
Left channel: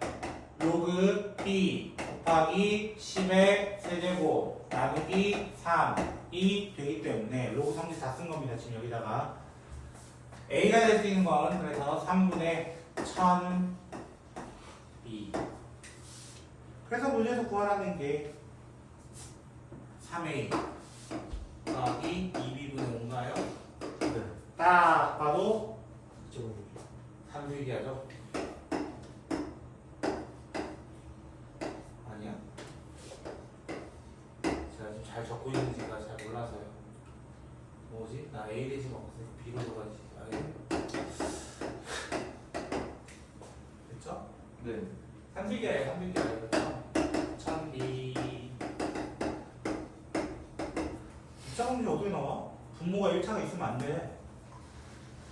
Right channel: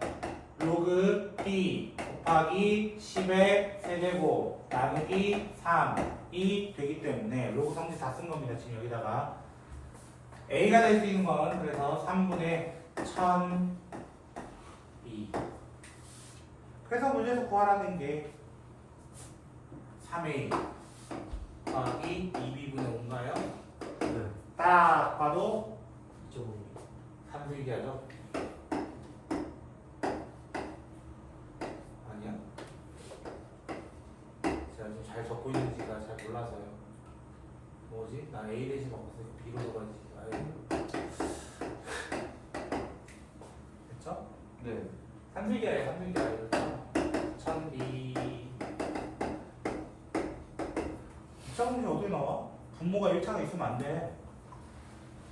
로그 b 곱하기 10의 세제곱 나누기 3이 되기 때문에 로그 성질 다 쓴 겁니다. 지금 여기다가 a가 될 수 있는 건 그래서 3분의 1002. 그래서 문제에서 구하라는 게 3a 더하기 2b분의 5인가요? 네. 딱 봐도 좀 3분의 1이 하죠? 아니야? 제가 지금 잘 적고 있는지가 잘 몰라서요. 뭐지? 나 A 대신 바꿨으니까 B로 들어가야지. 됐죠? 네. 3분기야에 3분기야. 그렇죠? 1000B. 입자 문제 어떻게 나와? 분모가 1차가 있으면 안 돼.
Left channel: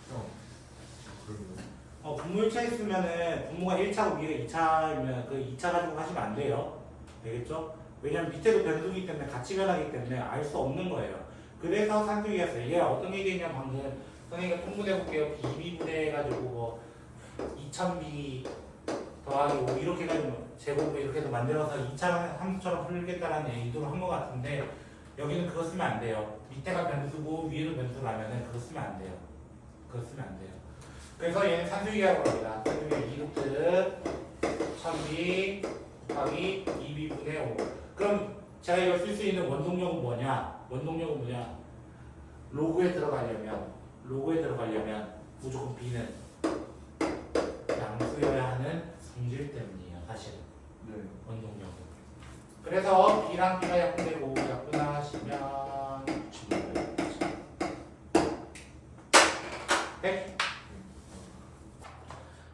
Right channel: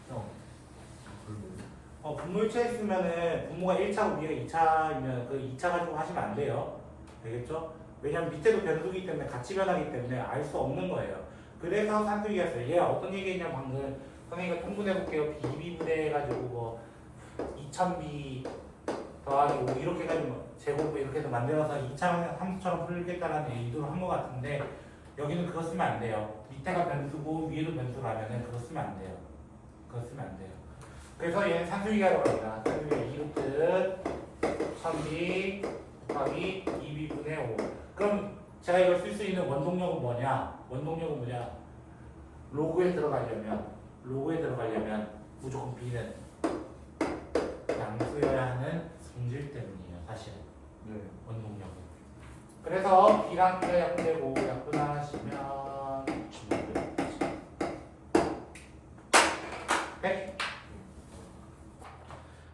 형. 별로. 분모 1차 있으면은 분모가 1차고 위가 2차이면 그 2차 가지고 하시면 안 돼요. 알겠죠? 왜냐면 밑에도 변수이기 때문에 같이 변하기 때문에 알 수 없는 거예요. 그래서 산수기였어요. 얘 어떤 얘기했냐 방금 선생님과 통분해 볼게요. BB분해 해가지고 뭐 2000B 더하기 5 이렇게 해가지고 제곱 이렇게 해서 만들어서 2차 함수처럼 풀겠다라는 의도로 한 것 같은데 여기는 그거 쓰면 안 돼요. 밑에가 변수고 위에도 변수라면은 그거 쓰면 안 돼요. 그거 쓰면 안 돼요. 그래서 얘는 산수기하러 갑니다. 산수기 2루트 1000B 곱하기 2B분의 5. 그럼 제가 이걸 쓸 수 있는 원동력은 뭐냐? 원동력은 뭐냐? 로그에 들어가려면 무조건 B는 양수여야 하는 성질 때문이에요. 사실은 네. 원동력은. 그래서 B랑 B가 약분되고 약분하시면 네.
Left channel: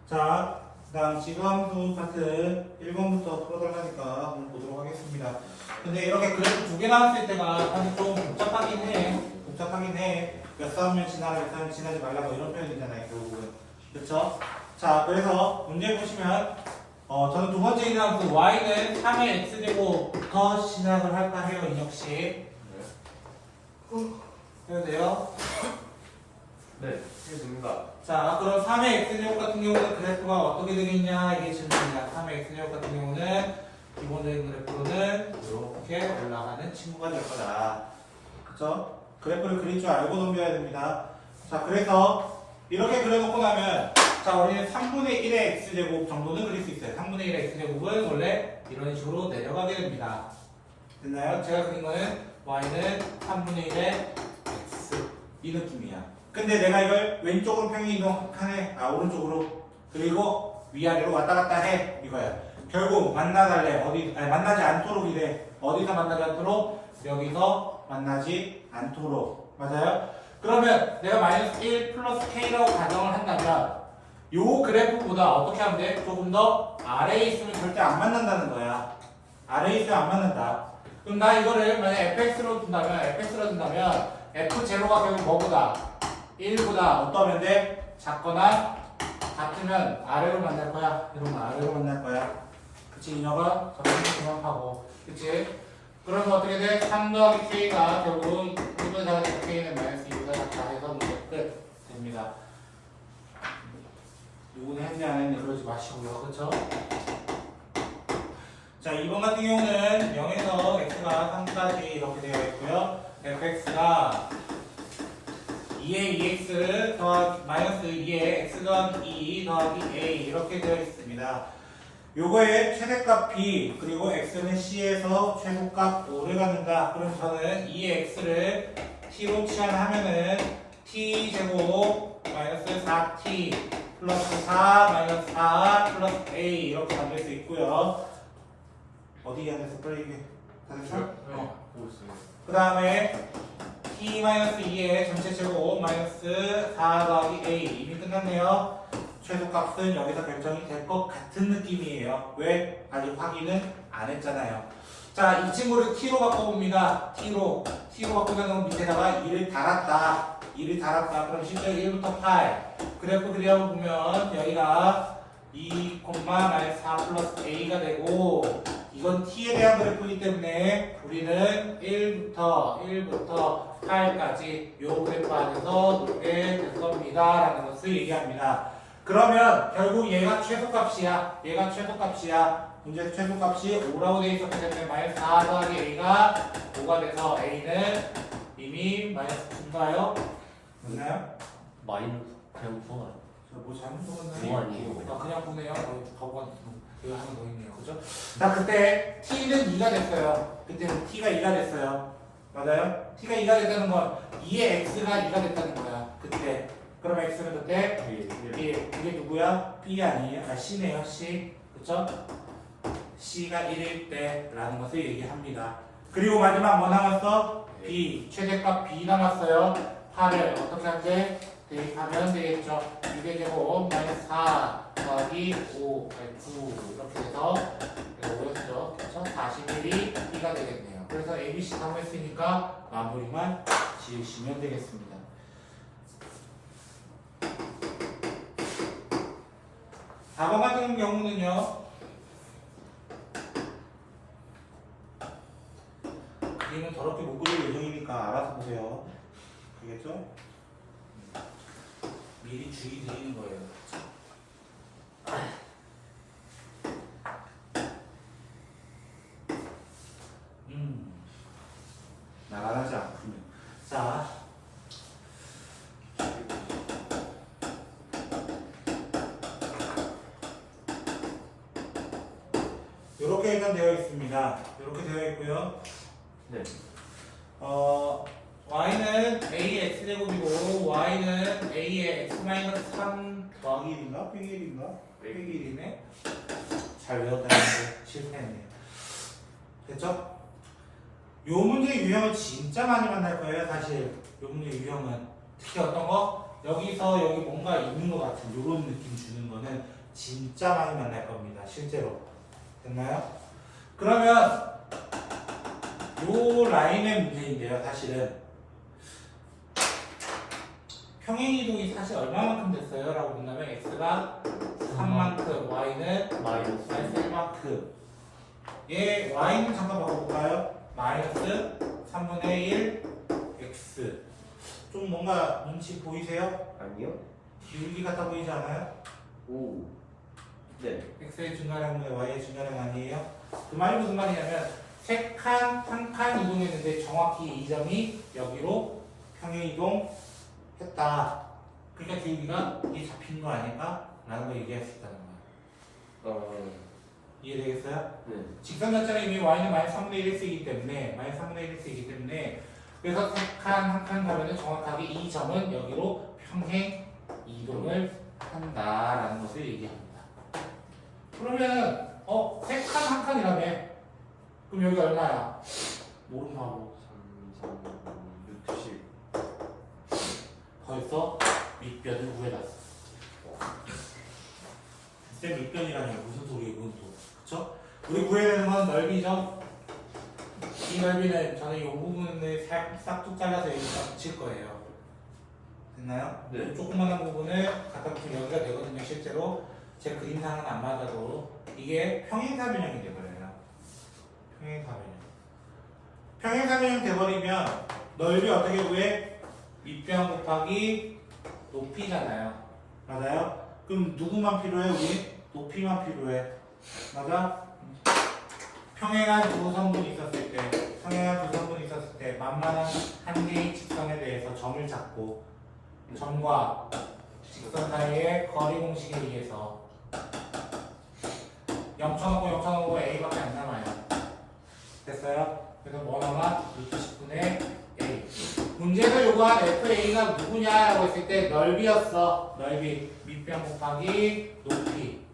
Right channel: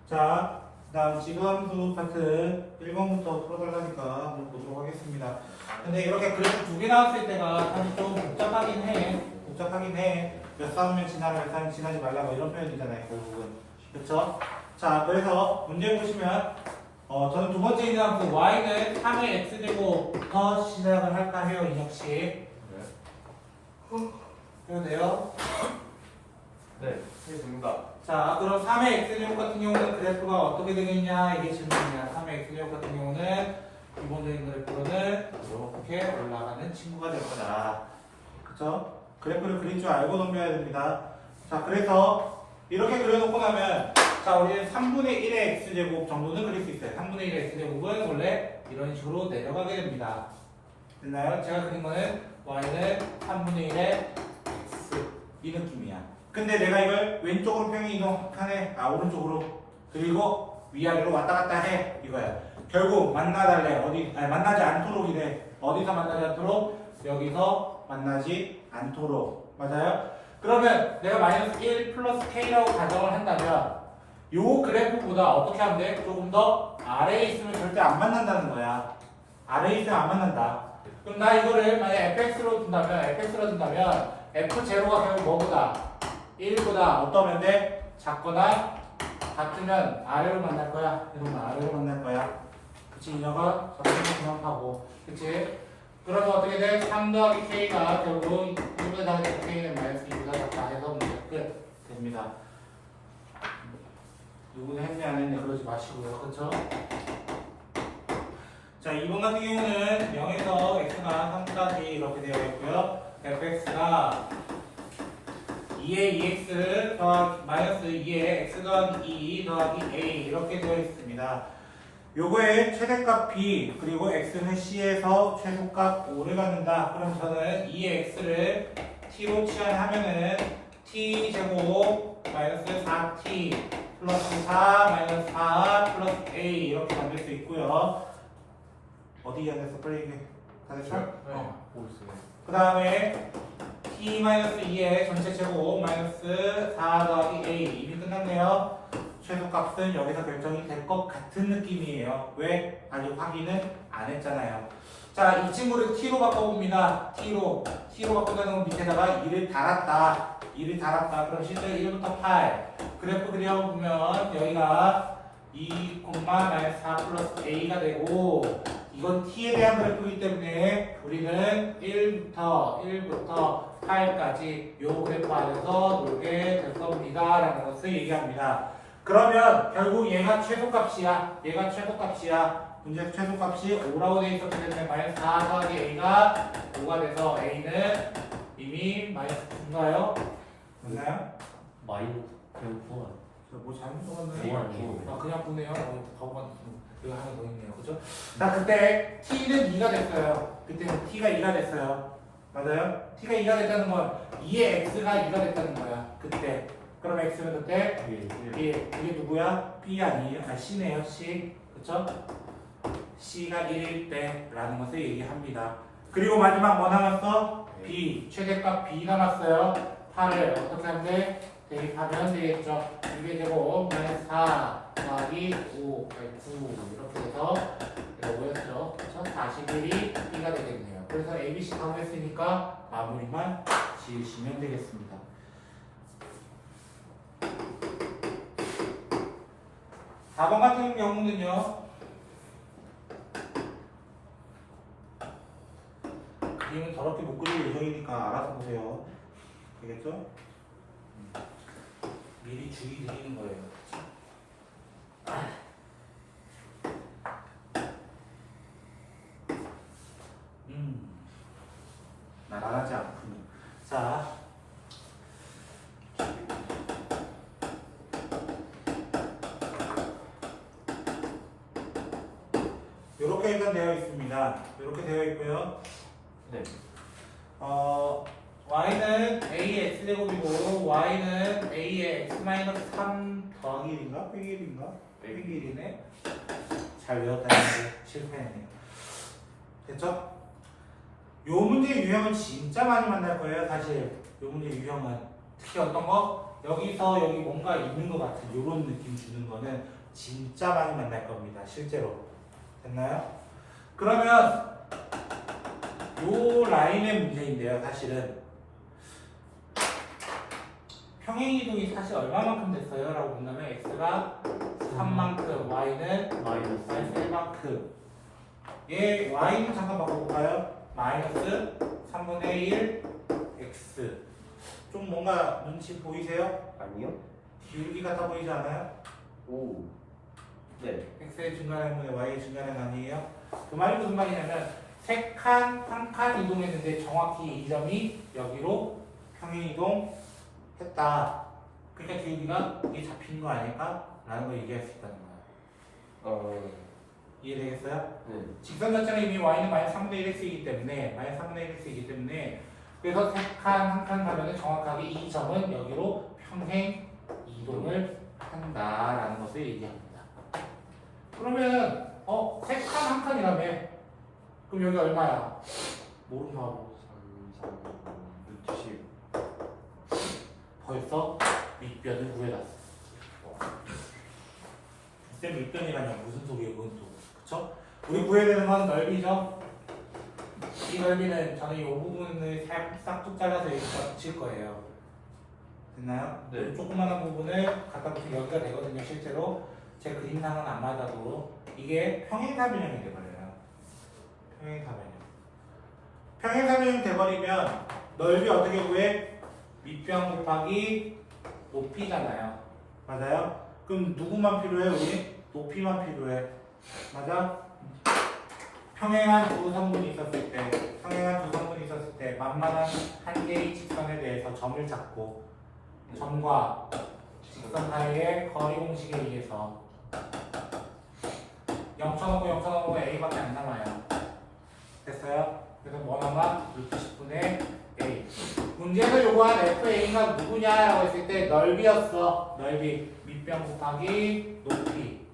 자, 그다음 지구함수 파트 1번부터 풀어달라니까 한번 보도록 하겠습니다. 근데 이렇게 그래프 두 개 나왔을 때가 사실 좀 복잡하긴 해. 몇 싸우면 지나라, 몇 싸우면 지나지 말라고 이런 표현이잖아요, 결국은. 그쵸? 자, 그래서 문제 보시면 저는 두 번째 있는 함수 y는 3의 x제곱부터 시작을 할까 해요, 인혁 씨. 네. 해도 돼요? 네. 이게 됩니다. 자, 그럼 3의 x제곱 같은 경우는 그래프가 어떻게 되겠냐? 이게 질문입니다. 3의 x제곱 같은 경우는 기본적인 그래프는 이렇게 올라가는 친구가 될 거다. 그쵸? 그래프를 그릴 줄 알고 넘겨야 됩니다. 자, 그래서 이렇게 그려놓고 나면 자, 우리는 3분의 1의 x제곱 정도는 그릴 수 있어요. 3분의 1의 x제곱은 원래 이런 식으로 내려가게 됩니다. 됐나요? 제가 그린 거는 y는 3분의 1의 x 이 느낌이야. 근데 내가 이걸 왼쪽으로 평행 이동하네, 오른쪽으로, 그리고 위아래로 왔다 갔다 해, 이거야. 결국 만나달래, 만나지 않도록 이래. 어디서 만나지 않도록? 여기서 만나지 않도록. 맞아요? 그러면 내가 마이너스 1 플러스 k라고 가정을 한다면 요 그래프보다 어떻게 하면 돼? 조금 더 아래에 있으면 절대 안 만난다는 거야. 아래에 있으면 안 만난다. 그럼 나 이거를 만약 fx로 둔다면 f0가 결국 뭐보다? 1보다 어떠면 돼? 작거나 같으면 아래로 만날 거야. 이러면 아래로 만날 거야. 그치 인여가 점점 그만하고 그치? 그러면 어떻게 돼? 3 더하기 k가 결국 1분의 4가 k는 마이너스 2보다 작다 해서 문제 끝 됩니다. 누구는 했냐 안 했냐 그러지 마시고요. 그쵸? 자 2번 같은 경우는 0에서 x가 3까지 이렇게 되어 있고요. fx가 2의 2x 더하기 마이너스 2의 x 더하기 2 더하기 a 이렇게 되어 있습니다. 요거의 최대값 b 그리고 x는 c에서 최소값 5를 갖는다. 그럼 저는 2의 x를 t로 치환하면은 t 제곱 마이너스 4t 플러스 4 마이너스 4 플러스 a 이렇게 만들 수 있고요. 어디 안 됐어? 빨리 얘기해. 다 됐어? 보였어요. 그 다음에 t-2의 전체 제곱 마이너스 4 더하기 a 이미 끝났네요. 최소값은 여기서 결정이 될 것 같은 느낌이에요. 왜? 아직 확인은 안 했잖아요. 자, 이 친구를 t로 바꿔봅니다. t로 바꾼다는 건 밑에다가 2를 달았다. 2를 달았다. 그럼 실제 1부터 8 그래프 그려보면 여기가 2, 마이너스 4 플러스 a가 되고 이건 t에 대한 그래프이기 때문에 우리는 1부터 8까지 요 그래프 안에서 놀게 될 겁니다 라는 것을 얘기합니다. 그러면 결국 얘가 최소값이야. 문제에서 최소값이 5라고 되어 있었기 때문에 마이너스 4 더하기 a가 5가 돼서 a는 이미 마이너스 9인가요? 맞나요? 마이너스 그냥 좋아요. 뭐 잘못 적었나요? 뭐 아니에요. 아, 그냥 보네요. 바보가 여기 하나 더 있네요. 그죠? 자, 그때 t는 2가 됐어요. 그때는 t가 2가 됐어요. 맞아요? t가 2가 됐다는 건 2의 x가 2가 됐다는 거야. 그때. 그럼 x는 그때 1. 이게 누구야? b 아니에요? 아, c네요. c. 그쵸? c가 1일 때 라는 것을 얘기합니다. 그리고 마지막 뭐 남았어? b. 최대값 b 남았어요. 8을 어떻게 하면 돼? 대입하면 되겠죠. 2의 제곱 마이너스 4 더하기 5, 9 이렇게 해서 이거 뭐였죠? 그래서 41이 b가 되겠네요. 그래서 ABC 다 했으니까 마무리만 지으시면 되겠습니다. 번 같은 경우는요. 그림은 더럽게 못 그릴 예정이니까 알아서 보세요. 알겠죠? 미리 주의 드리는 거예요. 나가지 않군요. 자, 이렇게 일단 되어 있습니다. 이렇게 되어 있고요. 네. y는 a의 x제곱이고 y는 a의 x-3 더하기 1인가? 빼기 1인가? 빼기 1이네. 잘 외웠다는데 실패했네요. 됐죠? 요 문제 유형은 진짜 많이 만날 거예요. 사실 요 문제 유형은 특히 어떤 거? 여기서 여기 뭔가 있는 것 같은 요런 느낌 주는 거는 진짜 많이 만날 겁니다. 실제로. 됐나요? 그러면 요 라인의 문제인데요. 사실은 평행이동이 사실 얼마만큼 됐어요? 라고 본다면 x가 3만큼 y는 마이너스 1만큼 얘 y는 잠깐 바꿔볼까요? 마이너스 3분의 1 x 좀 뭔가 눈치 보이세요? 아니요? 기울기 같아 보이지 않아요? 오. 네. x의 증가량분의 y의 증가량 아니에요? 그 말이 무슨 말이냐면 세 칸, 한 칸 이동했는데 정확히 이 점이 여기로 평행이동 했다. 그러니까 기울기가 이게 잡힌 거 아닐까? 라는 걸 얘기할 수 있다는 거야. 이해되겠어요? 네. 직선 자체가 이미 y는 마이너스 3분의 1x이기 때문에 마이너스 3분의 1x이기 때문에 그래서 세 칸, 한 칸 가면은 정확하게 이 점은 여기로 평행 이동을 한다라는 것을 얘기합니다. 그러면 세 칸, 한 칸이라며 그럼 여기 얼마야? 모른다고 3, 10. 벌써 밑변을 구해놨어. 쌤 밑변이라니 무슨 소리예요 그건 또 그쵸? 우리 구해야 되는 건 넓이죠. 이 넓이는 저는 이 부분을 싹둑 잘라서 여기다 붙일 거예요. 됐나요? 네. 이 조그만한 부분을 갖다 붙이면 여기가 되거든요 실제로. 제 그림상은 안 맞아도 이게 평행사변형이 돼버려요. 평행사변형. 평행사변형 돼버리면 넓이 어떻게 구해? 밑변 곱하기 높이잖아요. 맞아요? 그럼 누구만 필요해? 우리? 높이만 필요해. 맞아? 평행한 두 성분이 있었을 때, 평행한 두 성분이 있었을 때 만만한 한 개의 직선에 대해서 점을 잡고 점과 직선 사이의 거리 공식에 의해서 0.5 A밖에 안 남아요. 됐어요? 그래서 뭐 남아? 루트 10분의 A. 문제에서 요구한 FA가 누구냐라고 했을 때 넓이였어. 넓이. 밑변 곱하기 높이.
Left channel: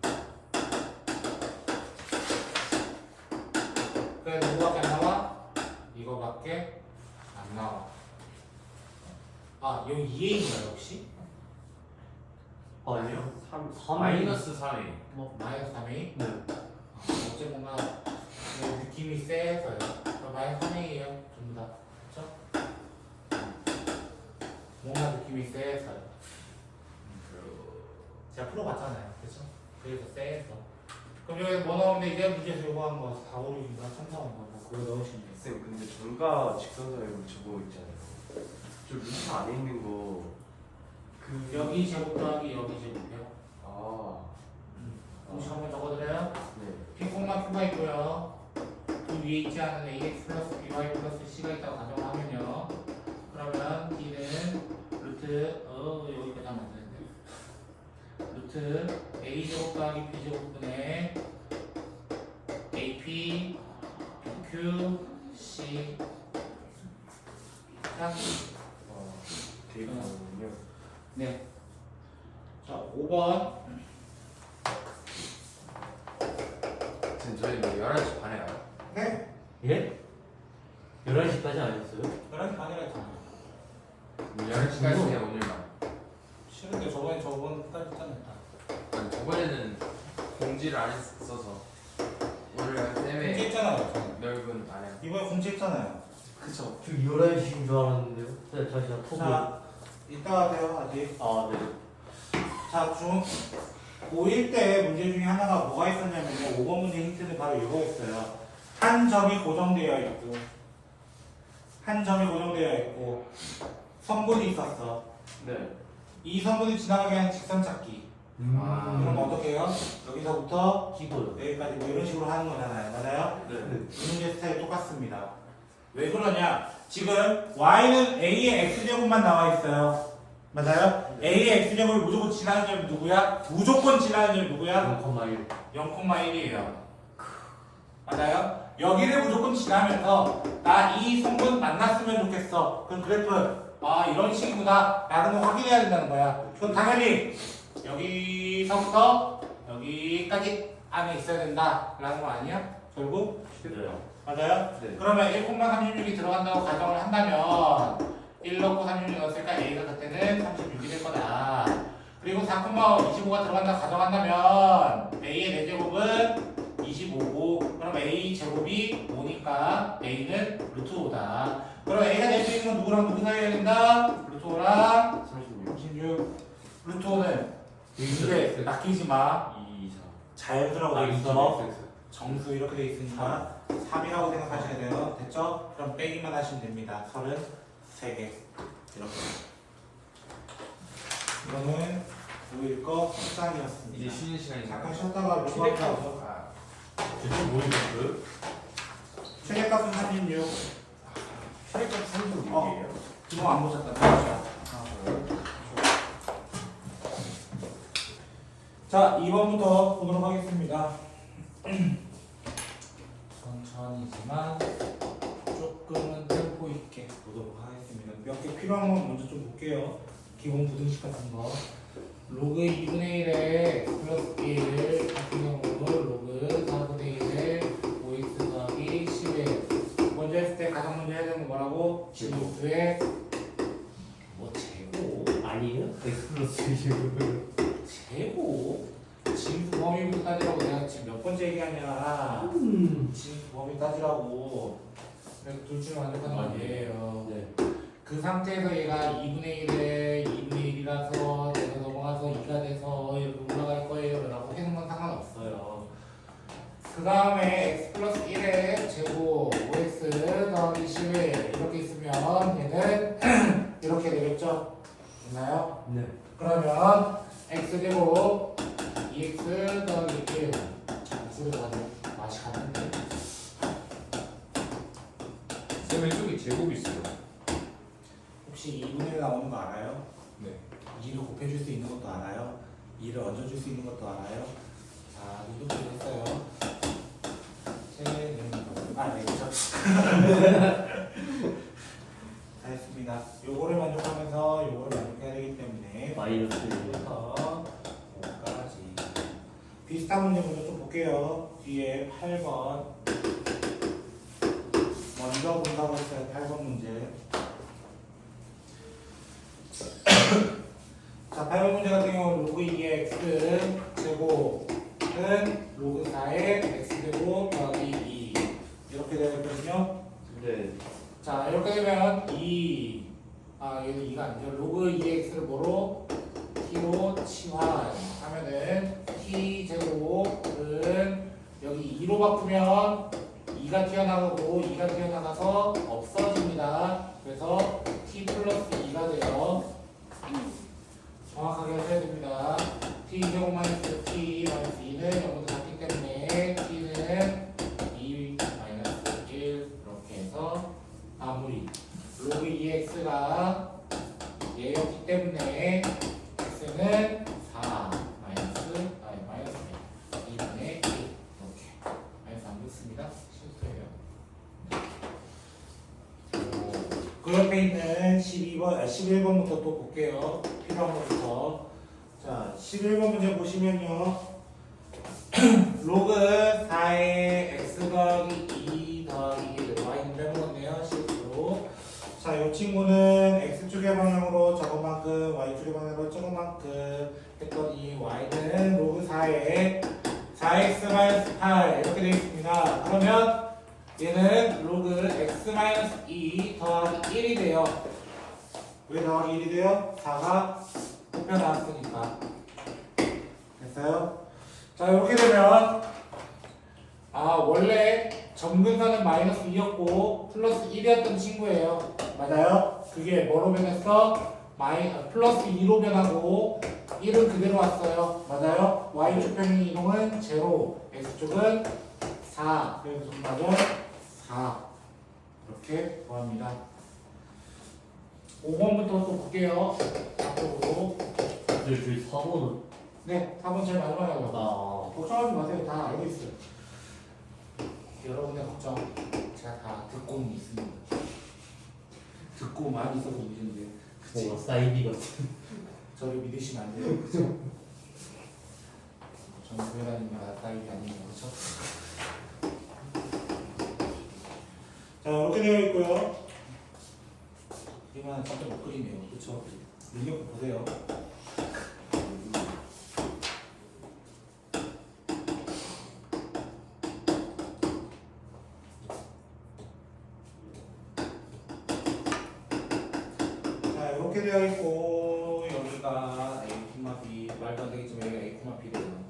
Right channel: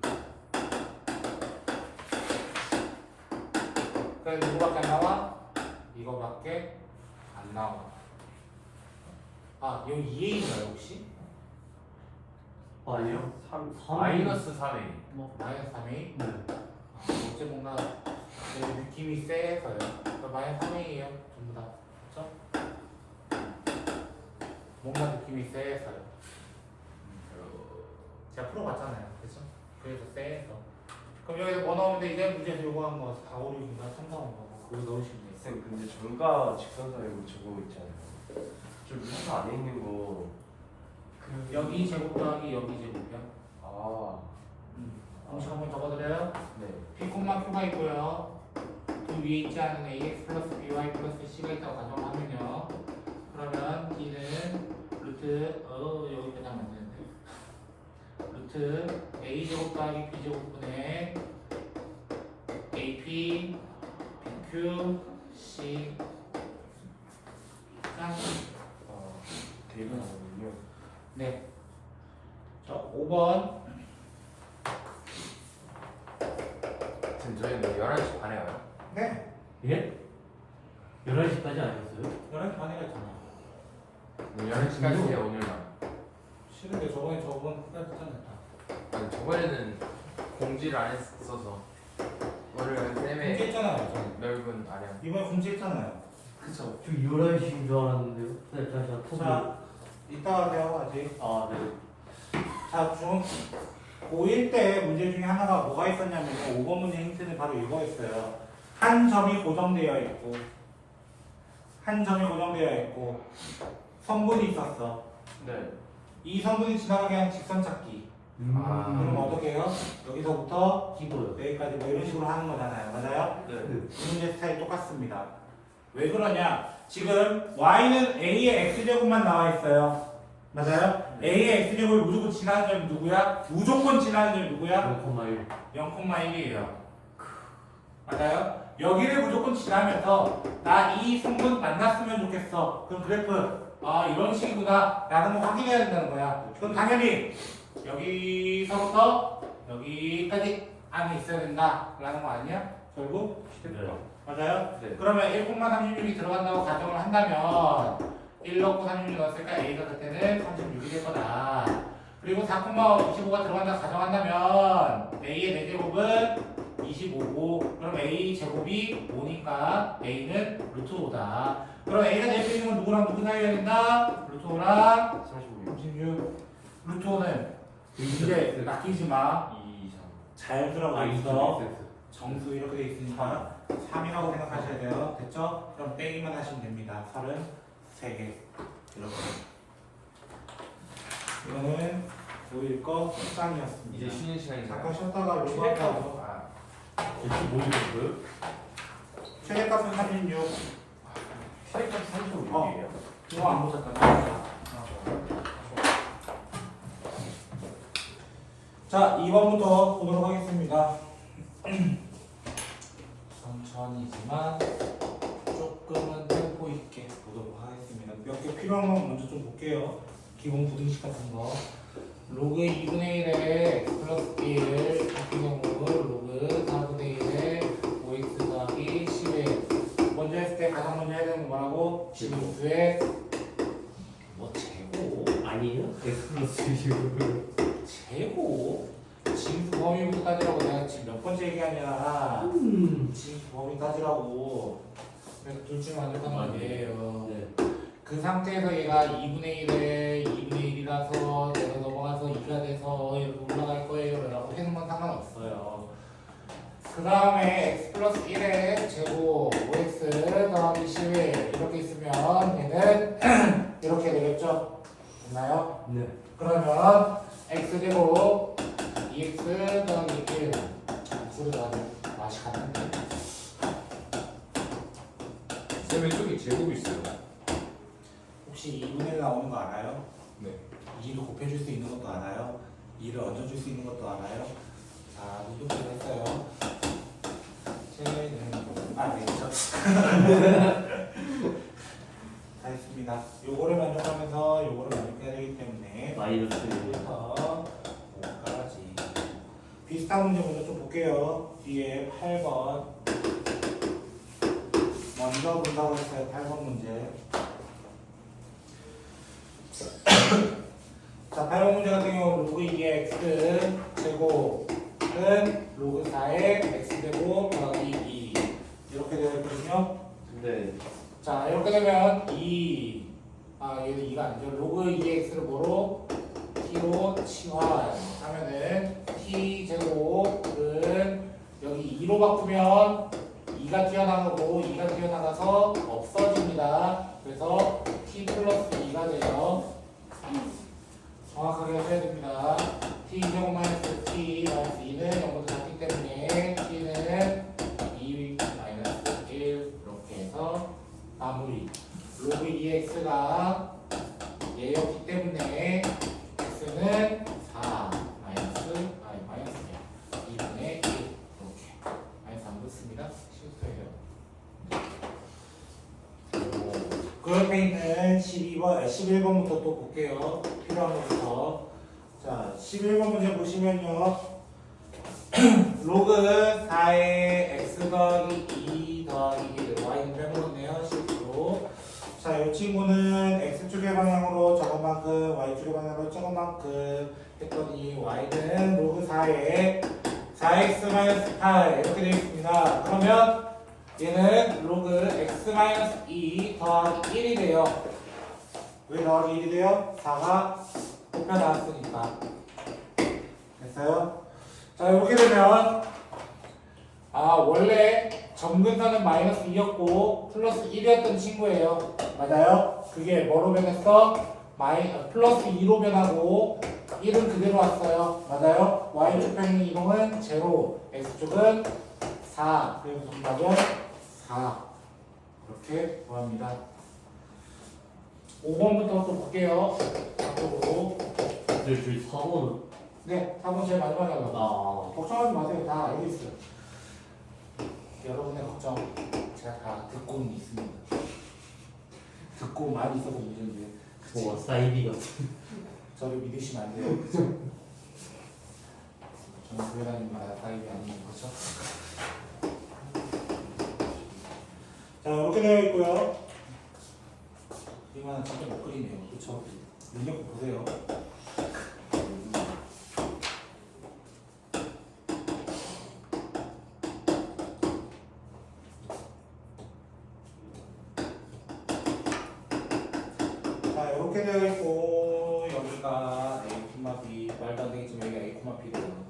그래서 누구밖에 안 나와? 이거밖에 안 나와. 아, 여기 2A인가요 혹시? 아니요. 마이너스 3A. 마이너스 3A? 네. 어째 뭔가 느낌이 세서요. 마이너스 3A예요 전부 다. 그렇죠? 뭔가 느낌이 세서요. 제가 풀어봤잖아요. 그렇죠? 그래서 세서. 그럼 여기서 뭐 넣으면 돼? 이제 문제에서 요구한 거 4, 5, 6인가 3, 4, 5인가 뭐 그거 넣으시면 돼요. 쌤 근데 점과 직선사에 저거 있잖아요. 저 루트 안에 있는 거. 여기 제곱 더하기 여기 제곱이야. 아. 공식 한번 적어드려요. 네. P, Q가 있고요. 그 위에 있지 않은 AX 플러스 BY 플러스 C가 있다고 가정하면요. 그러면 D는 루트 여기까지 하면 안 되는데 루트 A 제곱 더하기 B 제곱분의 AP BQ C 짱. 되게 많군요. 네. 자, 5번. 지금 저희 뭐 11시 반에 가요? 네. 예? 11시까지 아니었어요? 11시 반에 했잖아요. 11시까지야 오늘만. 싫은데 저번까지 했잖아요. 아니 저번에는 공지를 안 했어서 오늘 쌤의 공지했잖아요. 저는. 넓은 아래. 이번에 공지했잖아요. 그쵸. 저 11시인 줄 알았는데요. 네, 잠시만 톡을. 자, 이따가 대화하지. 아, 네. 자, 고1 때 문제 중에 하나가 뭐가 있었냐면요. 5번 문제 힌트는 바로 이거였어요. 한 점이 고정되어 있고, 성분이 있었어. 네. 이 성분이 지나가게 하는 직선 찾기. 그럼 어떻게 해요? 여기서부터 찍어요. 여기까지 뭐 이런 식으로 하는 거잖아요. 맞아요? 네. 이 문제 스타일이 똑같습니다. 왜 그러냐? 지금 y는 a의 x제곱만 나와 있어요. 맞아요? a의 x제곱이 무조건 지나는 점이 누구야? 무조건 지나는 점이 누구야? 0,1. 0,1이에요. 맞아요? 여기를 무조건 지나면서 나 이 성분 만났으면 좋겠어. 그럼 그래프 이런 식이구나 라는 걸 확인해야 된다는 거야. 그럼 당연히 여기서부터 여기까지 안에 있어야 된다 라는 거 아니야? 결국? 네. 맞아요? 네. 그러면 1,36이 들어간다고 가정을 한다면 1 넣고 36 넣었으니까 A가 그때는 36이 될 거다. 그리고 4,25가 들어간다고 가정한다면 A의 4제곱은 25고 그럼 A 제곱이 5니까 A는 루트 5다. 그럼 A가 될 수 있는 건 누구랑 누구 사이에 된다? 루트 5랑 36. 36. 루트 5는 이게 낚이지 마. 2, 3. 자연스러워 아, 있어. 있어. 정수 이렇게 돼 있으니까 3이라고 생각하셔야 돼요. 됐죠? 그럼 빼기만 하시면 됩니다. 33개. 이렇게. 이거는 오일 거 속단이었습니다. 이제 쉬는 시간인가요? 잠깐 쉬었다가 로그아웃하고 진짜 모르겠어요? 최대값은 36. 시력값 어. 36이에요? 그거 안 보셨다면 자, 2번부터 보도록 하겠습니다. 천천히지만 조금은 템포 있게 보도록 하겠습니다. 몇 개 필요한 건 먼저 좀 볼게요. 기본 부등식 같은 거. 로그 2분의 1에 플러스 B를 같은 경우로 로그 4분의 1에 5x 더하기 10에 먼저 했을 때 가장 먼저 해야 되는 건 뭐라고? 진수의 뭐 제곱? 아니에요? X 플러스 20. 제곱? 진수 범위부터 따지라고 내가 지금 몇 번째 얘기하냐. 진수 범위 따지라고. 그래서 둘 중에 완벽한 말이에요. 네. 그 상태에서 얘가 2분의 1에 2분의 1이라서 내가 넘어가서 2가 돼서 이렇게 올라갈 거예요 라고 그 다음에 x 플러스 1의 제곱 5x 더하기 11 이렇게 있으면 얘는 이렇게 되겠죠? 됐나요? 네. 그러면 x제곱 2x 더하기 1 x를 가지고 맛이 같은데 쌤 왼쪽에 제곱 있어요. 혹시 2분의 1 나오는 거 알아요? 네. 2를 곱해줄 수 있는 것도 알아요? 2를 얹어줄 수 있는 것도 알아요? 자, 이렇게 했어요. 네, 그렇죠. 다 했습니다. 요거를 만족하면서 요거를 만족해야 되기 때문에 마이너스 1부터 5까지 비슷한 문제 먼저 좀 볼게요. 뒤에 8번 먼저 본다고 했어요. 8번 문제. 자, 8번 문제 같은 경우 로그 2의 x 제곱은 로그 4의 x제곱 더하기 2 이렇게 되어 있거든요. 네. 자, 이렇게 되면 얘는 2가 아니죠. 로그 2x를 뭐로? t로 치환하면은 t제곱은 여기 2로 바꾸면 2가 튀어나가고 2가 튀어나가서 없어집니다. 그래서 t 플러스 2가 돼요. 정확하게 하셔야 됩니다. t제곱 마이너스 t 마이너스 2는 0보다 작기 때문에 t는 2 마이너스 1 이렇게 해서 마무리. 로그 2x가 얘였기 때문에 x는 4 마이너스 2분의 1 이렇게 마이너스 안 붙습니다. 실수예요. 그 옆에 있는 11번부터 또 볼게요. 필요한 것부터. 자, 11번 문제 보시면요. 로그 4의 x 더하기 2 더하기 1 y는 빼먹었네요. 실수로. 자, 이 친구는 x축의 방향으로 저것만큼 y축의 방향으로 저것만큼 했더니 y는 로그 4의 4x-8 이렇게 되어 있습니다. 그러면 얘는 로그 x-2 더하기 1이 돼요. 왜 더하기 1이 돼요? 4가 곱혀 나왔으니까. 됐어요? 자, 이렇게 되면 원래 점근선은 마이너스 2였고 플러스 1이었던 친구예요. 맞아요? 그게 뭐로 변했어? 플러스 2로 변하고 1은 그대로 왔어요. 맞아요? y축 평행 이동은 제로, x축은 4. 그래서 정답은 4. 이렇게 구합니다. 5번부터 또 볼게요. 앞으로. 저희 4번은 네, 4번 제일 마지막에 하려고. 아 걱정하지 마세요. 다 알고 있어요. 여러분의 걱정 제가 다 듣고는 있습니다. 듣고 많이 있어서 문제인데 뭐 사이비가 저를 믿으시면 안 돼요. 그죠? 저는 교회 다니는 따입이 아니에요. 그렇죠? 자, 이렇게 되어 있고요. 이만 진짜 못 그리네요. 그렇죠? 능력 보세요. 자, 이렇게 되어 있고 여기가 A, B 말도 안 되겠지만 여기가 A, B래요.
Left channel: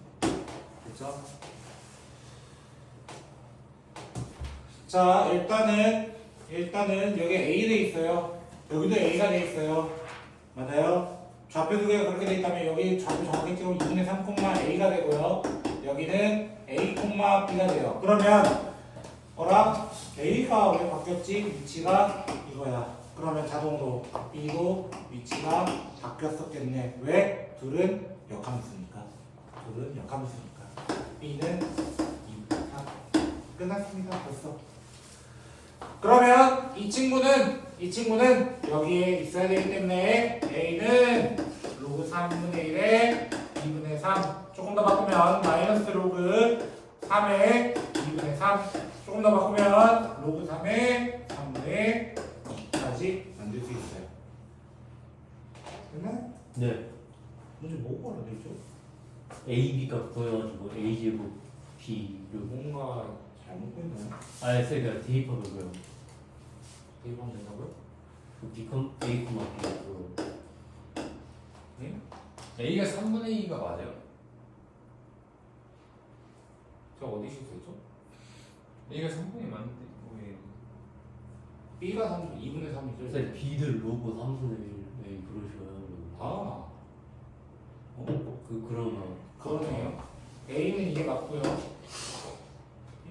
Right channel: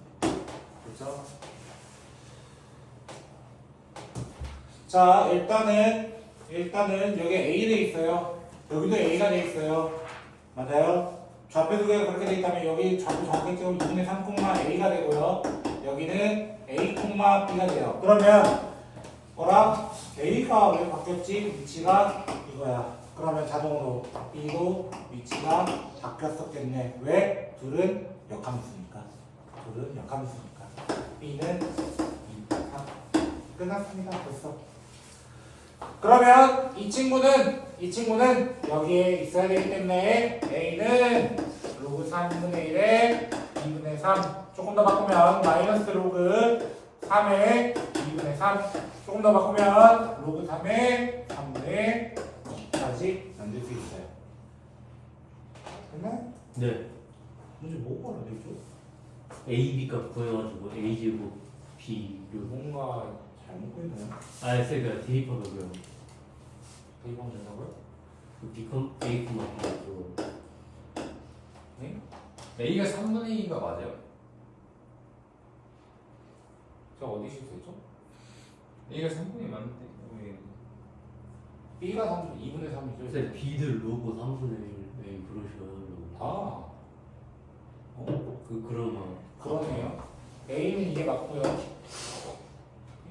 그렇죠? 자, 일단은 여기 A 돼 있어요. 여기도 A가 돼 있어요. 맞아요? 좌표 두 개가 그렇게 돼 있다면 여기 좌표 정확히 찍으면 2분의 3, A가 되고요. 여기는 A, B가 돼요. 그러면 뭐라? A가 왜 바뀌었지? 위치가 이거야. 그러면 자동으로 B도 위치가 바뀌었었겠네. 왜? 둘은 역함수니까. B는 2, 3. 끝났습니다. 벌써. 그러면 이 친구는 여기에 있어야 되기 때문에 A는 로그 3분의 1에 2분의 3 조금 더 바꾸면 마이너스 로그 3에 2분의 3 조금 더 바꾸면 로그 3에 3분의 2까지 만들 수 있어요. 됐나요? 네. 문제 뭐가 안 되죠? A, B값 구해가지고 A 제곱 B를 뭔가 잘못 구했나요? 그러니까 대입하고요. 대입하면 된다고요? 그 B, A, B로 네? A가 3분의 2가 맞아요? 제가 어디 실수했죠? A가 3분의 맞는데 왜? B가 3, 2분의 3이죠. 쌤 B들 로고 3분의 1 A 그러셔요. 아, 그러면 그러네요. A는 이게 맞고요.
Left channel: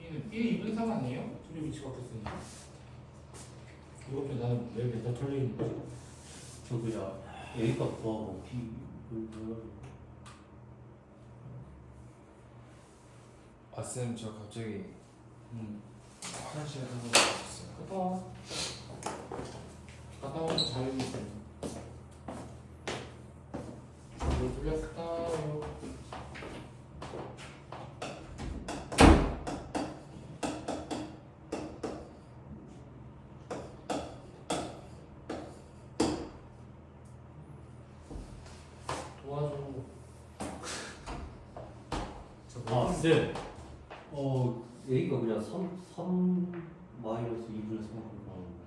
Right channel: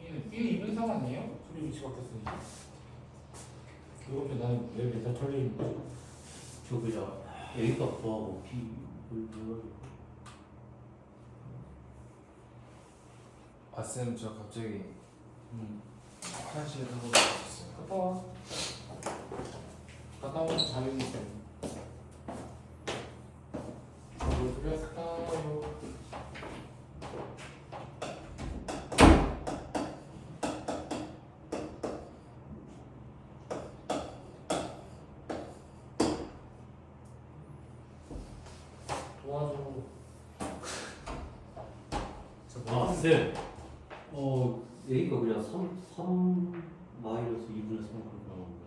B는 2분의 3 아니에요? 소리 위치 바뀌었으니까. 이거 나는 왜 맨날 틀리는 거지? 저 그냥 A 값 구하고 B 해가지고. 쌤 저 갑자기 음. 화장실에 가서 왔어요. 갔다 와. 갔다 오면 자유이 있어요. 뭘 돌렸을까요? 도와줘. 아, 쌤. A가 그냥 3 마이너스 2분의 3 나오는데.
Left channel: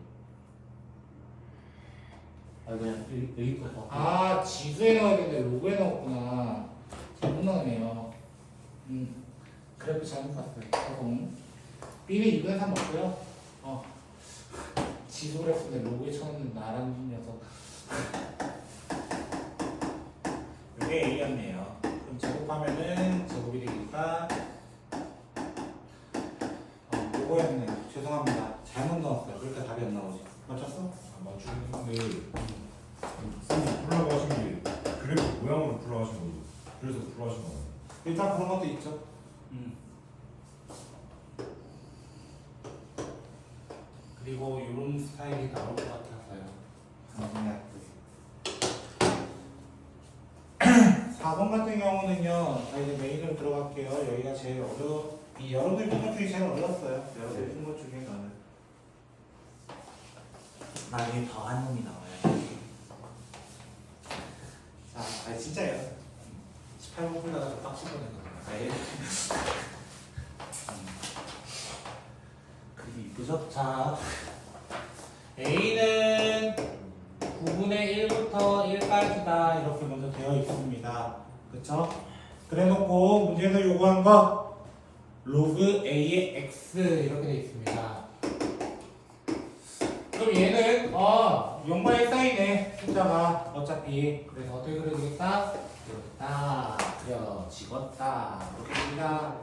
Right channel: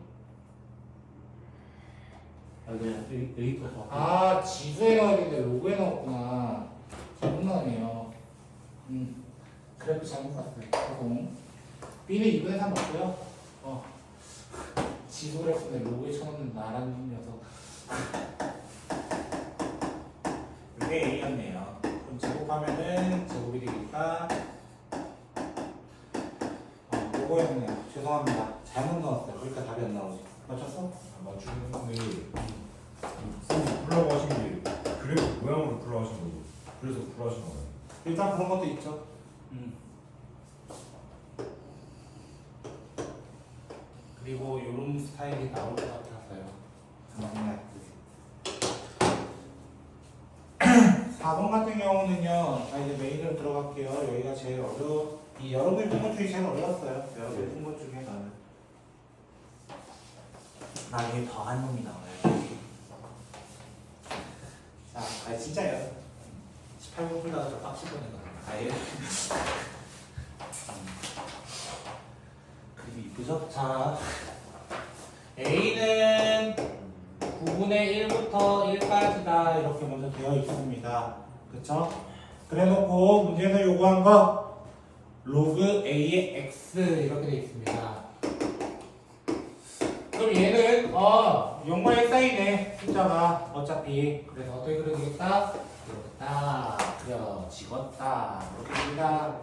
아, 그냥 A 값 바꿔. 아, 지수에 나오는데 로그에 나왔구나. 잘못 나오네요. 그래도 잘못 봤어요. 제공. B는 2분의 3 맞고요. 지수 그래프인데 로그에 쳐놓는 나라는 녀석. 이게 A였네요. 그럼 제곱하면은 제곱이 되니까 로그였네요. 죄송합니다. 잘못 넣었어요. 그러니까 답이 안 나오지. 맞췄어? 안 맞추는데 쌤이 풀라고 하신 게 그래프 모양으로 풀라고 하신 거죠. 그래서 풀하신 거예요. 일단 그런 것도 있죠. 그리고 이런 스타일이 나올 것 같아서요. 생각했지. 4번 같은 경우는요. 자, 이제 메인으로 들어갈게요. 여기가 제일 이 여러분들 푼 것 중에 제일 어려웠어요. 여러분들 푼 것 중에 나중에 더한 놈이 나와요. 자, 진짜요. 18번 풀다가 좀 빡칠 뻔했거든요. 아예. 그림이 이쁘죠? 자, A는 9분의 1부터 1까지다 이렇게 먼저 되어 있습니다. 그쵸? 그래 놓고 문제에서 요구한 거 로그 A의 X 이렇게 되어 있습니다. 그럼 얘는 0과 1 사이네 숫자가 어차피. 그래서 어떻게 그려지겠다? 이렇게 딱 그려지겠다 이렇게 됩니다.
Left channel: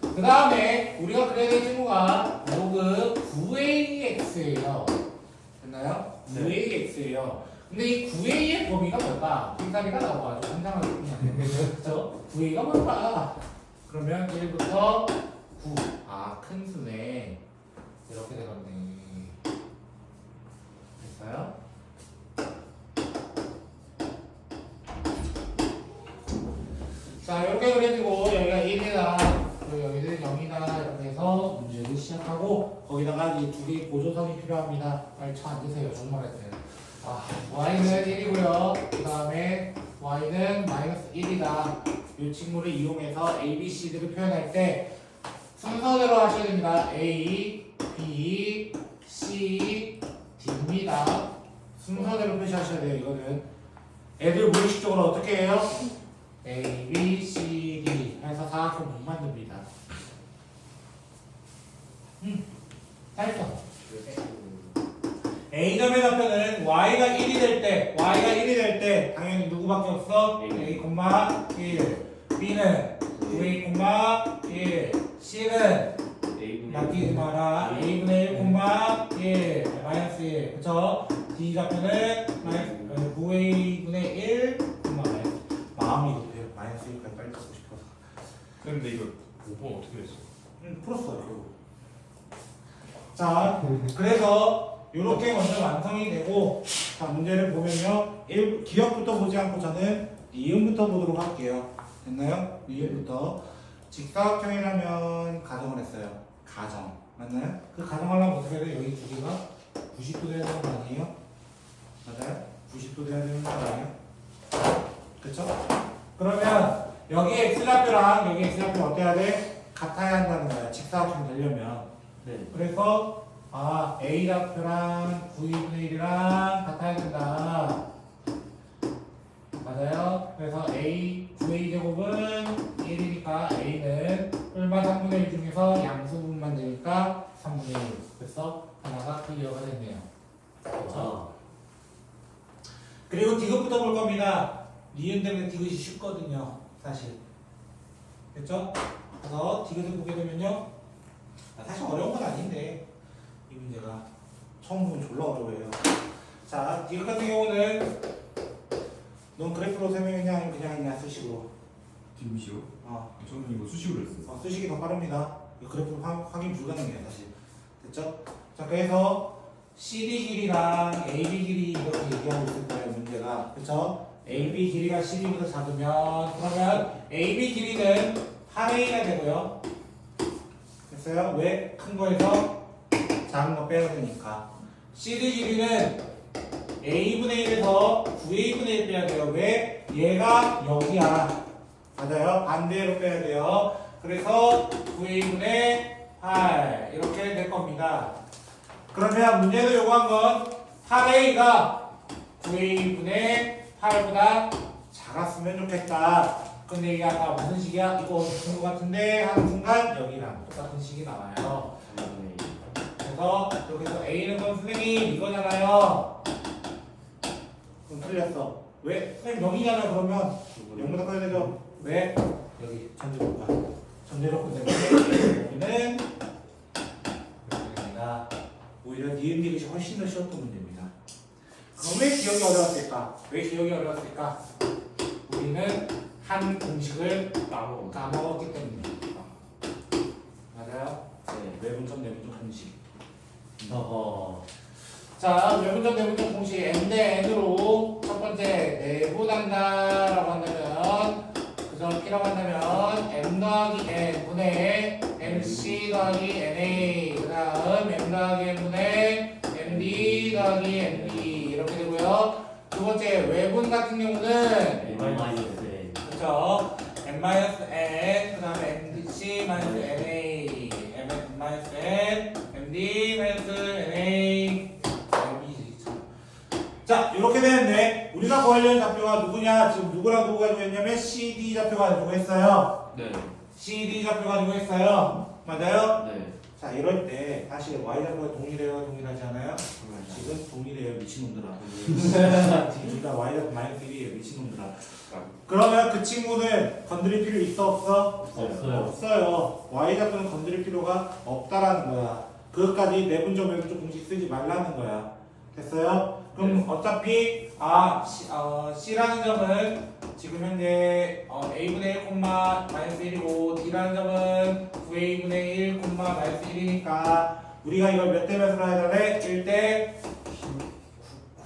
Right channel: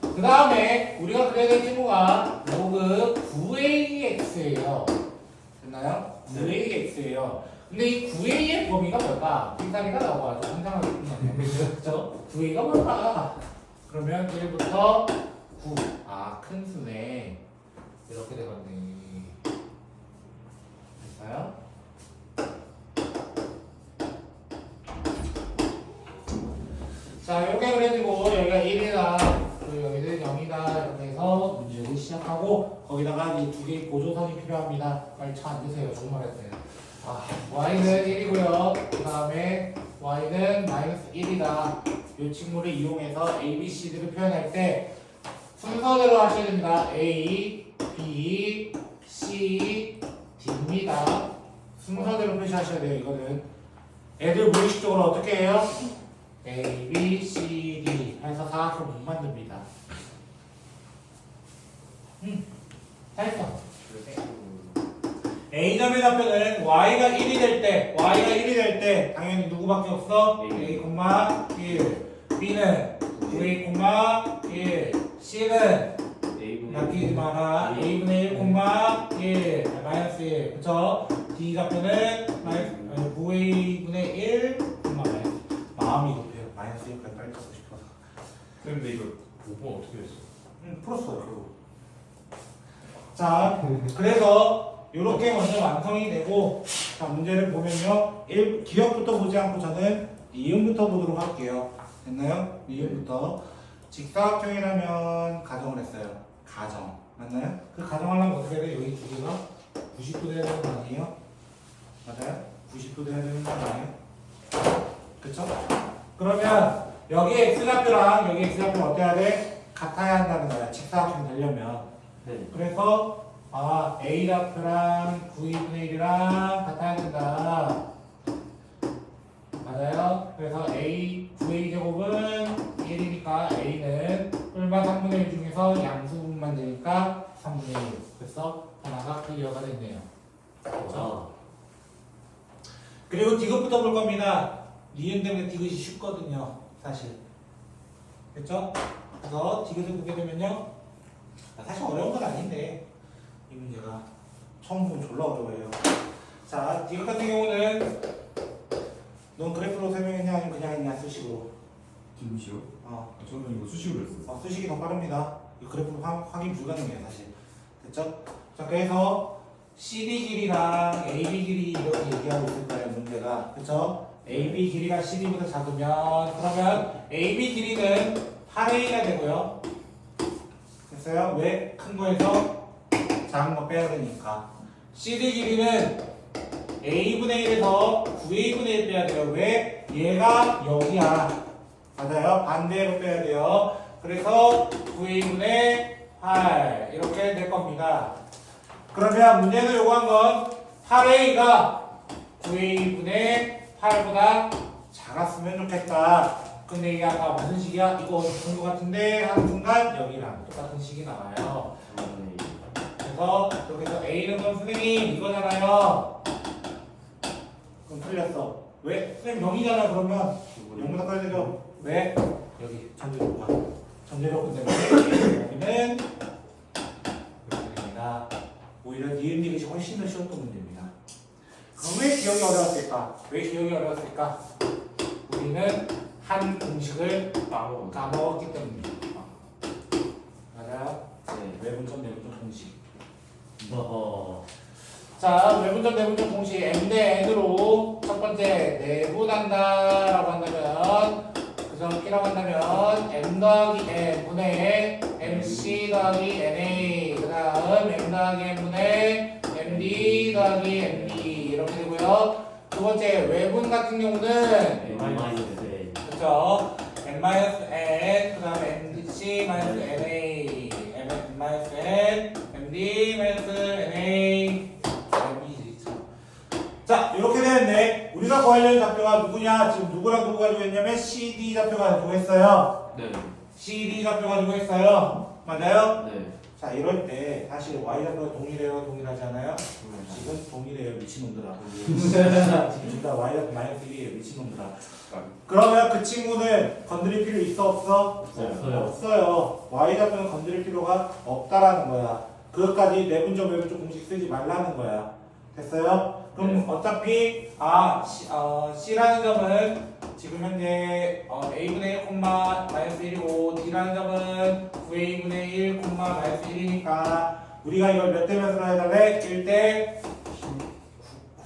그 다음에 우리가 그려야 될 친구가 로그 9AX예요. 됐나요? 9AX예요. 근데 이 9A의 범위가 뭘까? 빅사리가 나와가지고 상상하기 힘드네요. 그렇죠? 9A가 뭘까? 그러면 1부터 9. 큰 수네. 이렇게 되겠네. 됐어요? 자, 이렇게 그려지고 여기가 1이다. 그리고 여기는 0이다. 이렇게 해서 문제를 시작하고 거기다가 이 두 개의 보조선이 필요합니다. 빨리 차 앉으세요. 정말 했어요. y는 1이고요. 그 다음에 y는 마이너스 1이다. 이 친구를 이용해서 a, b, c들을 표현할 때 순서대로 하셔야 됩니다. A, B, C, D입니다. 순서대로 표시하셔야 돼요. 이거는 애들 무의식적으로 어떻게 해요? A, B, C, D 해서 사각형 못 만듭니다. 잘했어. A점의 좌표는 Y가 1이 될 때 당연히 누구밖에 없어? A, 1 B는 9A, 1 C는 바뀌지 마라. A분의 1, 1 마이너스 1 그쵸? D 좌표는 9A분의 1 마이너스 마음이 급해요. 마이너스 1까지 빨리 갖고 싶어서. 근데 이거 5번 어떻게 했어요? 풀었어요. 자, 그래서 이렇게 먼저 완성이 되고, 자, 문제를 보면요. 기억부터 보지 않고 저는 이음부터 보도록 할게요. 됐나요? 이음부터. 직사각형이라면 가정을 했어요. 가정. 맞나요? 그 가정하려면 어떻게 해야 돼요? 여기 두 개가 90도 돼야 되는 거 아니에요? 맞아요? 90도 돼야 되는 거 아니에요? 그쵸? 그러면 여기 X좌표랑 여기 X좌표 어때야 돼? 같아야 한다는 거야. 직사각형 되려면. 네. 그래서 A좌표랑 9분의 1이랑 같아야 된다. 맞아요? 그래서 A 9A 제곱은 1이니까 A는 뿔마 3분의 1 중에서 양수분만 되니까 3분의 1. 그래서 하나가 클리어가 됐네요. 아, 그리고 디귿부터 볼 겁니다. 니은 때문에 디귿이 쉽거든요. 사실. 됐죠? 그래서 디귿을 보게 되면요. 사실 어려운 건 아닌데 이 문제가 처음 보면 졸라 어려워요. 자, 디귿 같은 경우는 넌 그래프로 설명했냐 아니면 그냥 했냐 수식으로? 디귿이요? 저는 이거 수식으로 했어요. 수식이 더 빠릅니다. 이 그래프로 확인 불가능해요 사실. 됐죠? 자, 그래서 CD 길이랑 AB 길이 이렇게 얘기하고 있을 거예요 문제가. 그쵸? AB 길이가 CD보다 작으면 그러면 AB 길이는 8A가 되고요. 됐어요? 왜? 큰 거에서 작은 거 빼야 되니까. CD 길이는 A분의 1에서 9A분의 1 빼야 돼요. 왜? 얘가 여기야. 맞아요. 반대로 빼야 돼요. 그래서 9A분의 8 이렇게 될 겁니다. 그러면 문제에서 요구한 건 8A가 9A분의 8보다 작았으면 좋겠다. 근데 이게 아까 무슨 식이야? 이거 본 것 같은데 하는 순간 여기랑 똑같은 식이 나와요. 그래서 여기서 A는 그럼 선생님 이거잖아요. 그럼 틀렸어. 왜? 선생님 0이잖아 그러면 0보다 커야 되죠? 왜? 여기 전제조건. 전제조건 때문에 여기는 여기입니다. 오히려 니은 디귿이 훨씬 더 쉬웠던 문제입니다. 그럼 왜 기억이 어려웠을까? 왜 기억이 어려웠을까? 우리는 한 공식을 까먹었기 때문입니다. 맞아요? 네, 외분점 내분점 공식. 어허. 자, 외분점 내분점 공식 m 대 n으로 첫 번째 내분한다라고 한다면 그 점을 P라고 한다면 m 더하기 n 분의 mc 더하기 na 그 다음 m 더하기 n 분의 md 더하기 md 이렇게 되고요. 두 번째 외분 같은 경우는 N-N. 그렇죠. n-n 그 다음 mdc-na m-n md-na 자, 이렇게 되는데 우리가 구하려는 좌표가 누구냐? 지금 누구랑 누구 가지고 했냐면 CD 좌표 가지고 했어요. 네. CD 좌표 가지고 했어요. 맞아요? 네. 자, 이럴 때 사실 Y 좌표가 동일해요, 동일하지 않아요? 지금 동일해요, 미친놈들아. 지금 둘 다 Y 좌표 마이너스 1이에요, 미친놈들아. 그러면 그 친구는 건드릴 필요 있어, 없어? 없어요. 없어요. Y 좌표는 건드릴 필요가 없다라는 거야. 그것까지 내분점 외분점 공식 쓰지 말라는 거야. 됐어요? 그럼 어차피 C라는 점은 지금 현재 A분의 1, 마이너스 1이고 D라는 점은 9A분의 1, 마이너스 1이니까 우리가 이걸 몇 대 몇으로 해야 돼? 1대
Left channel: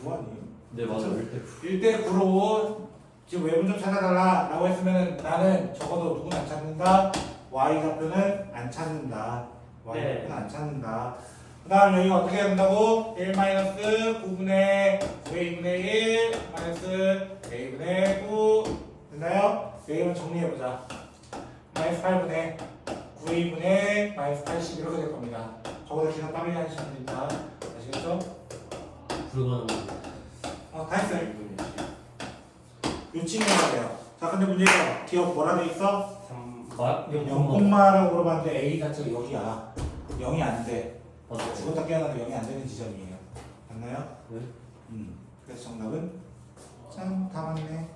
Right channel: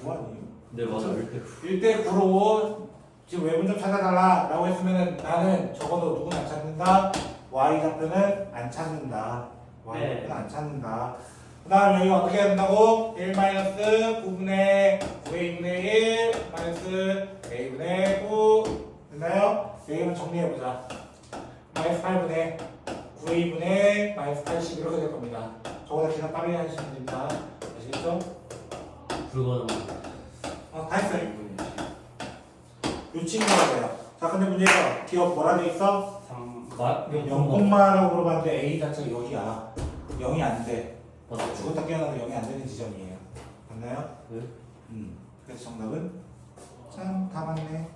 9 아니에요? 네, 맞아요. 1대 9로 지금 외분점 찾아달라 라고 했으면 나는 적어도 누구는 안 찾는다? Y 좌표는 안 찾는다. Y 네. 좌표는 안 찾는다. 그 다음 여기 어떻게 해야 된다고? 1 마이너스 9분의 9A분의 1 마이너스 A분의 9 됐나요? 여기만 정리해보자. 마이너스 8분의 9A분의 마이너스 80 이렇게 될 겁니다. 저보다 기사 빠르게 하시면 됩니다. 아시겠죠? 불가능. 다 했어요. 요 친구가 돼요. 자, 근데 문제가 기억 뭐라 돼 있어? 0콤마라고 물어봤는데 A 자체가 여기야. 0이 안 돼. 맞아요. 죽었다 깨어나도 0이 안 되는 지점이에요. 맞나요? 네. 그래서 정답은 참 다 맞네.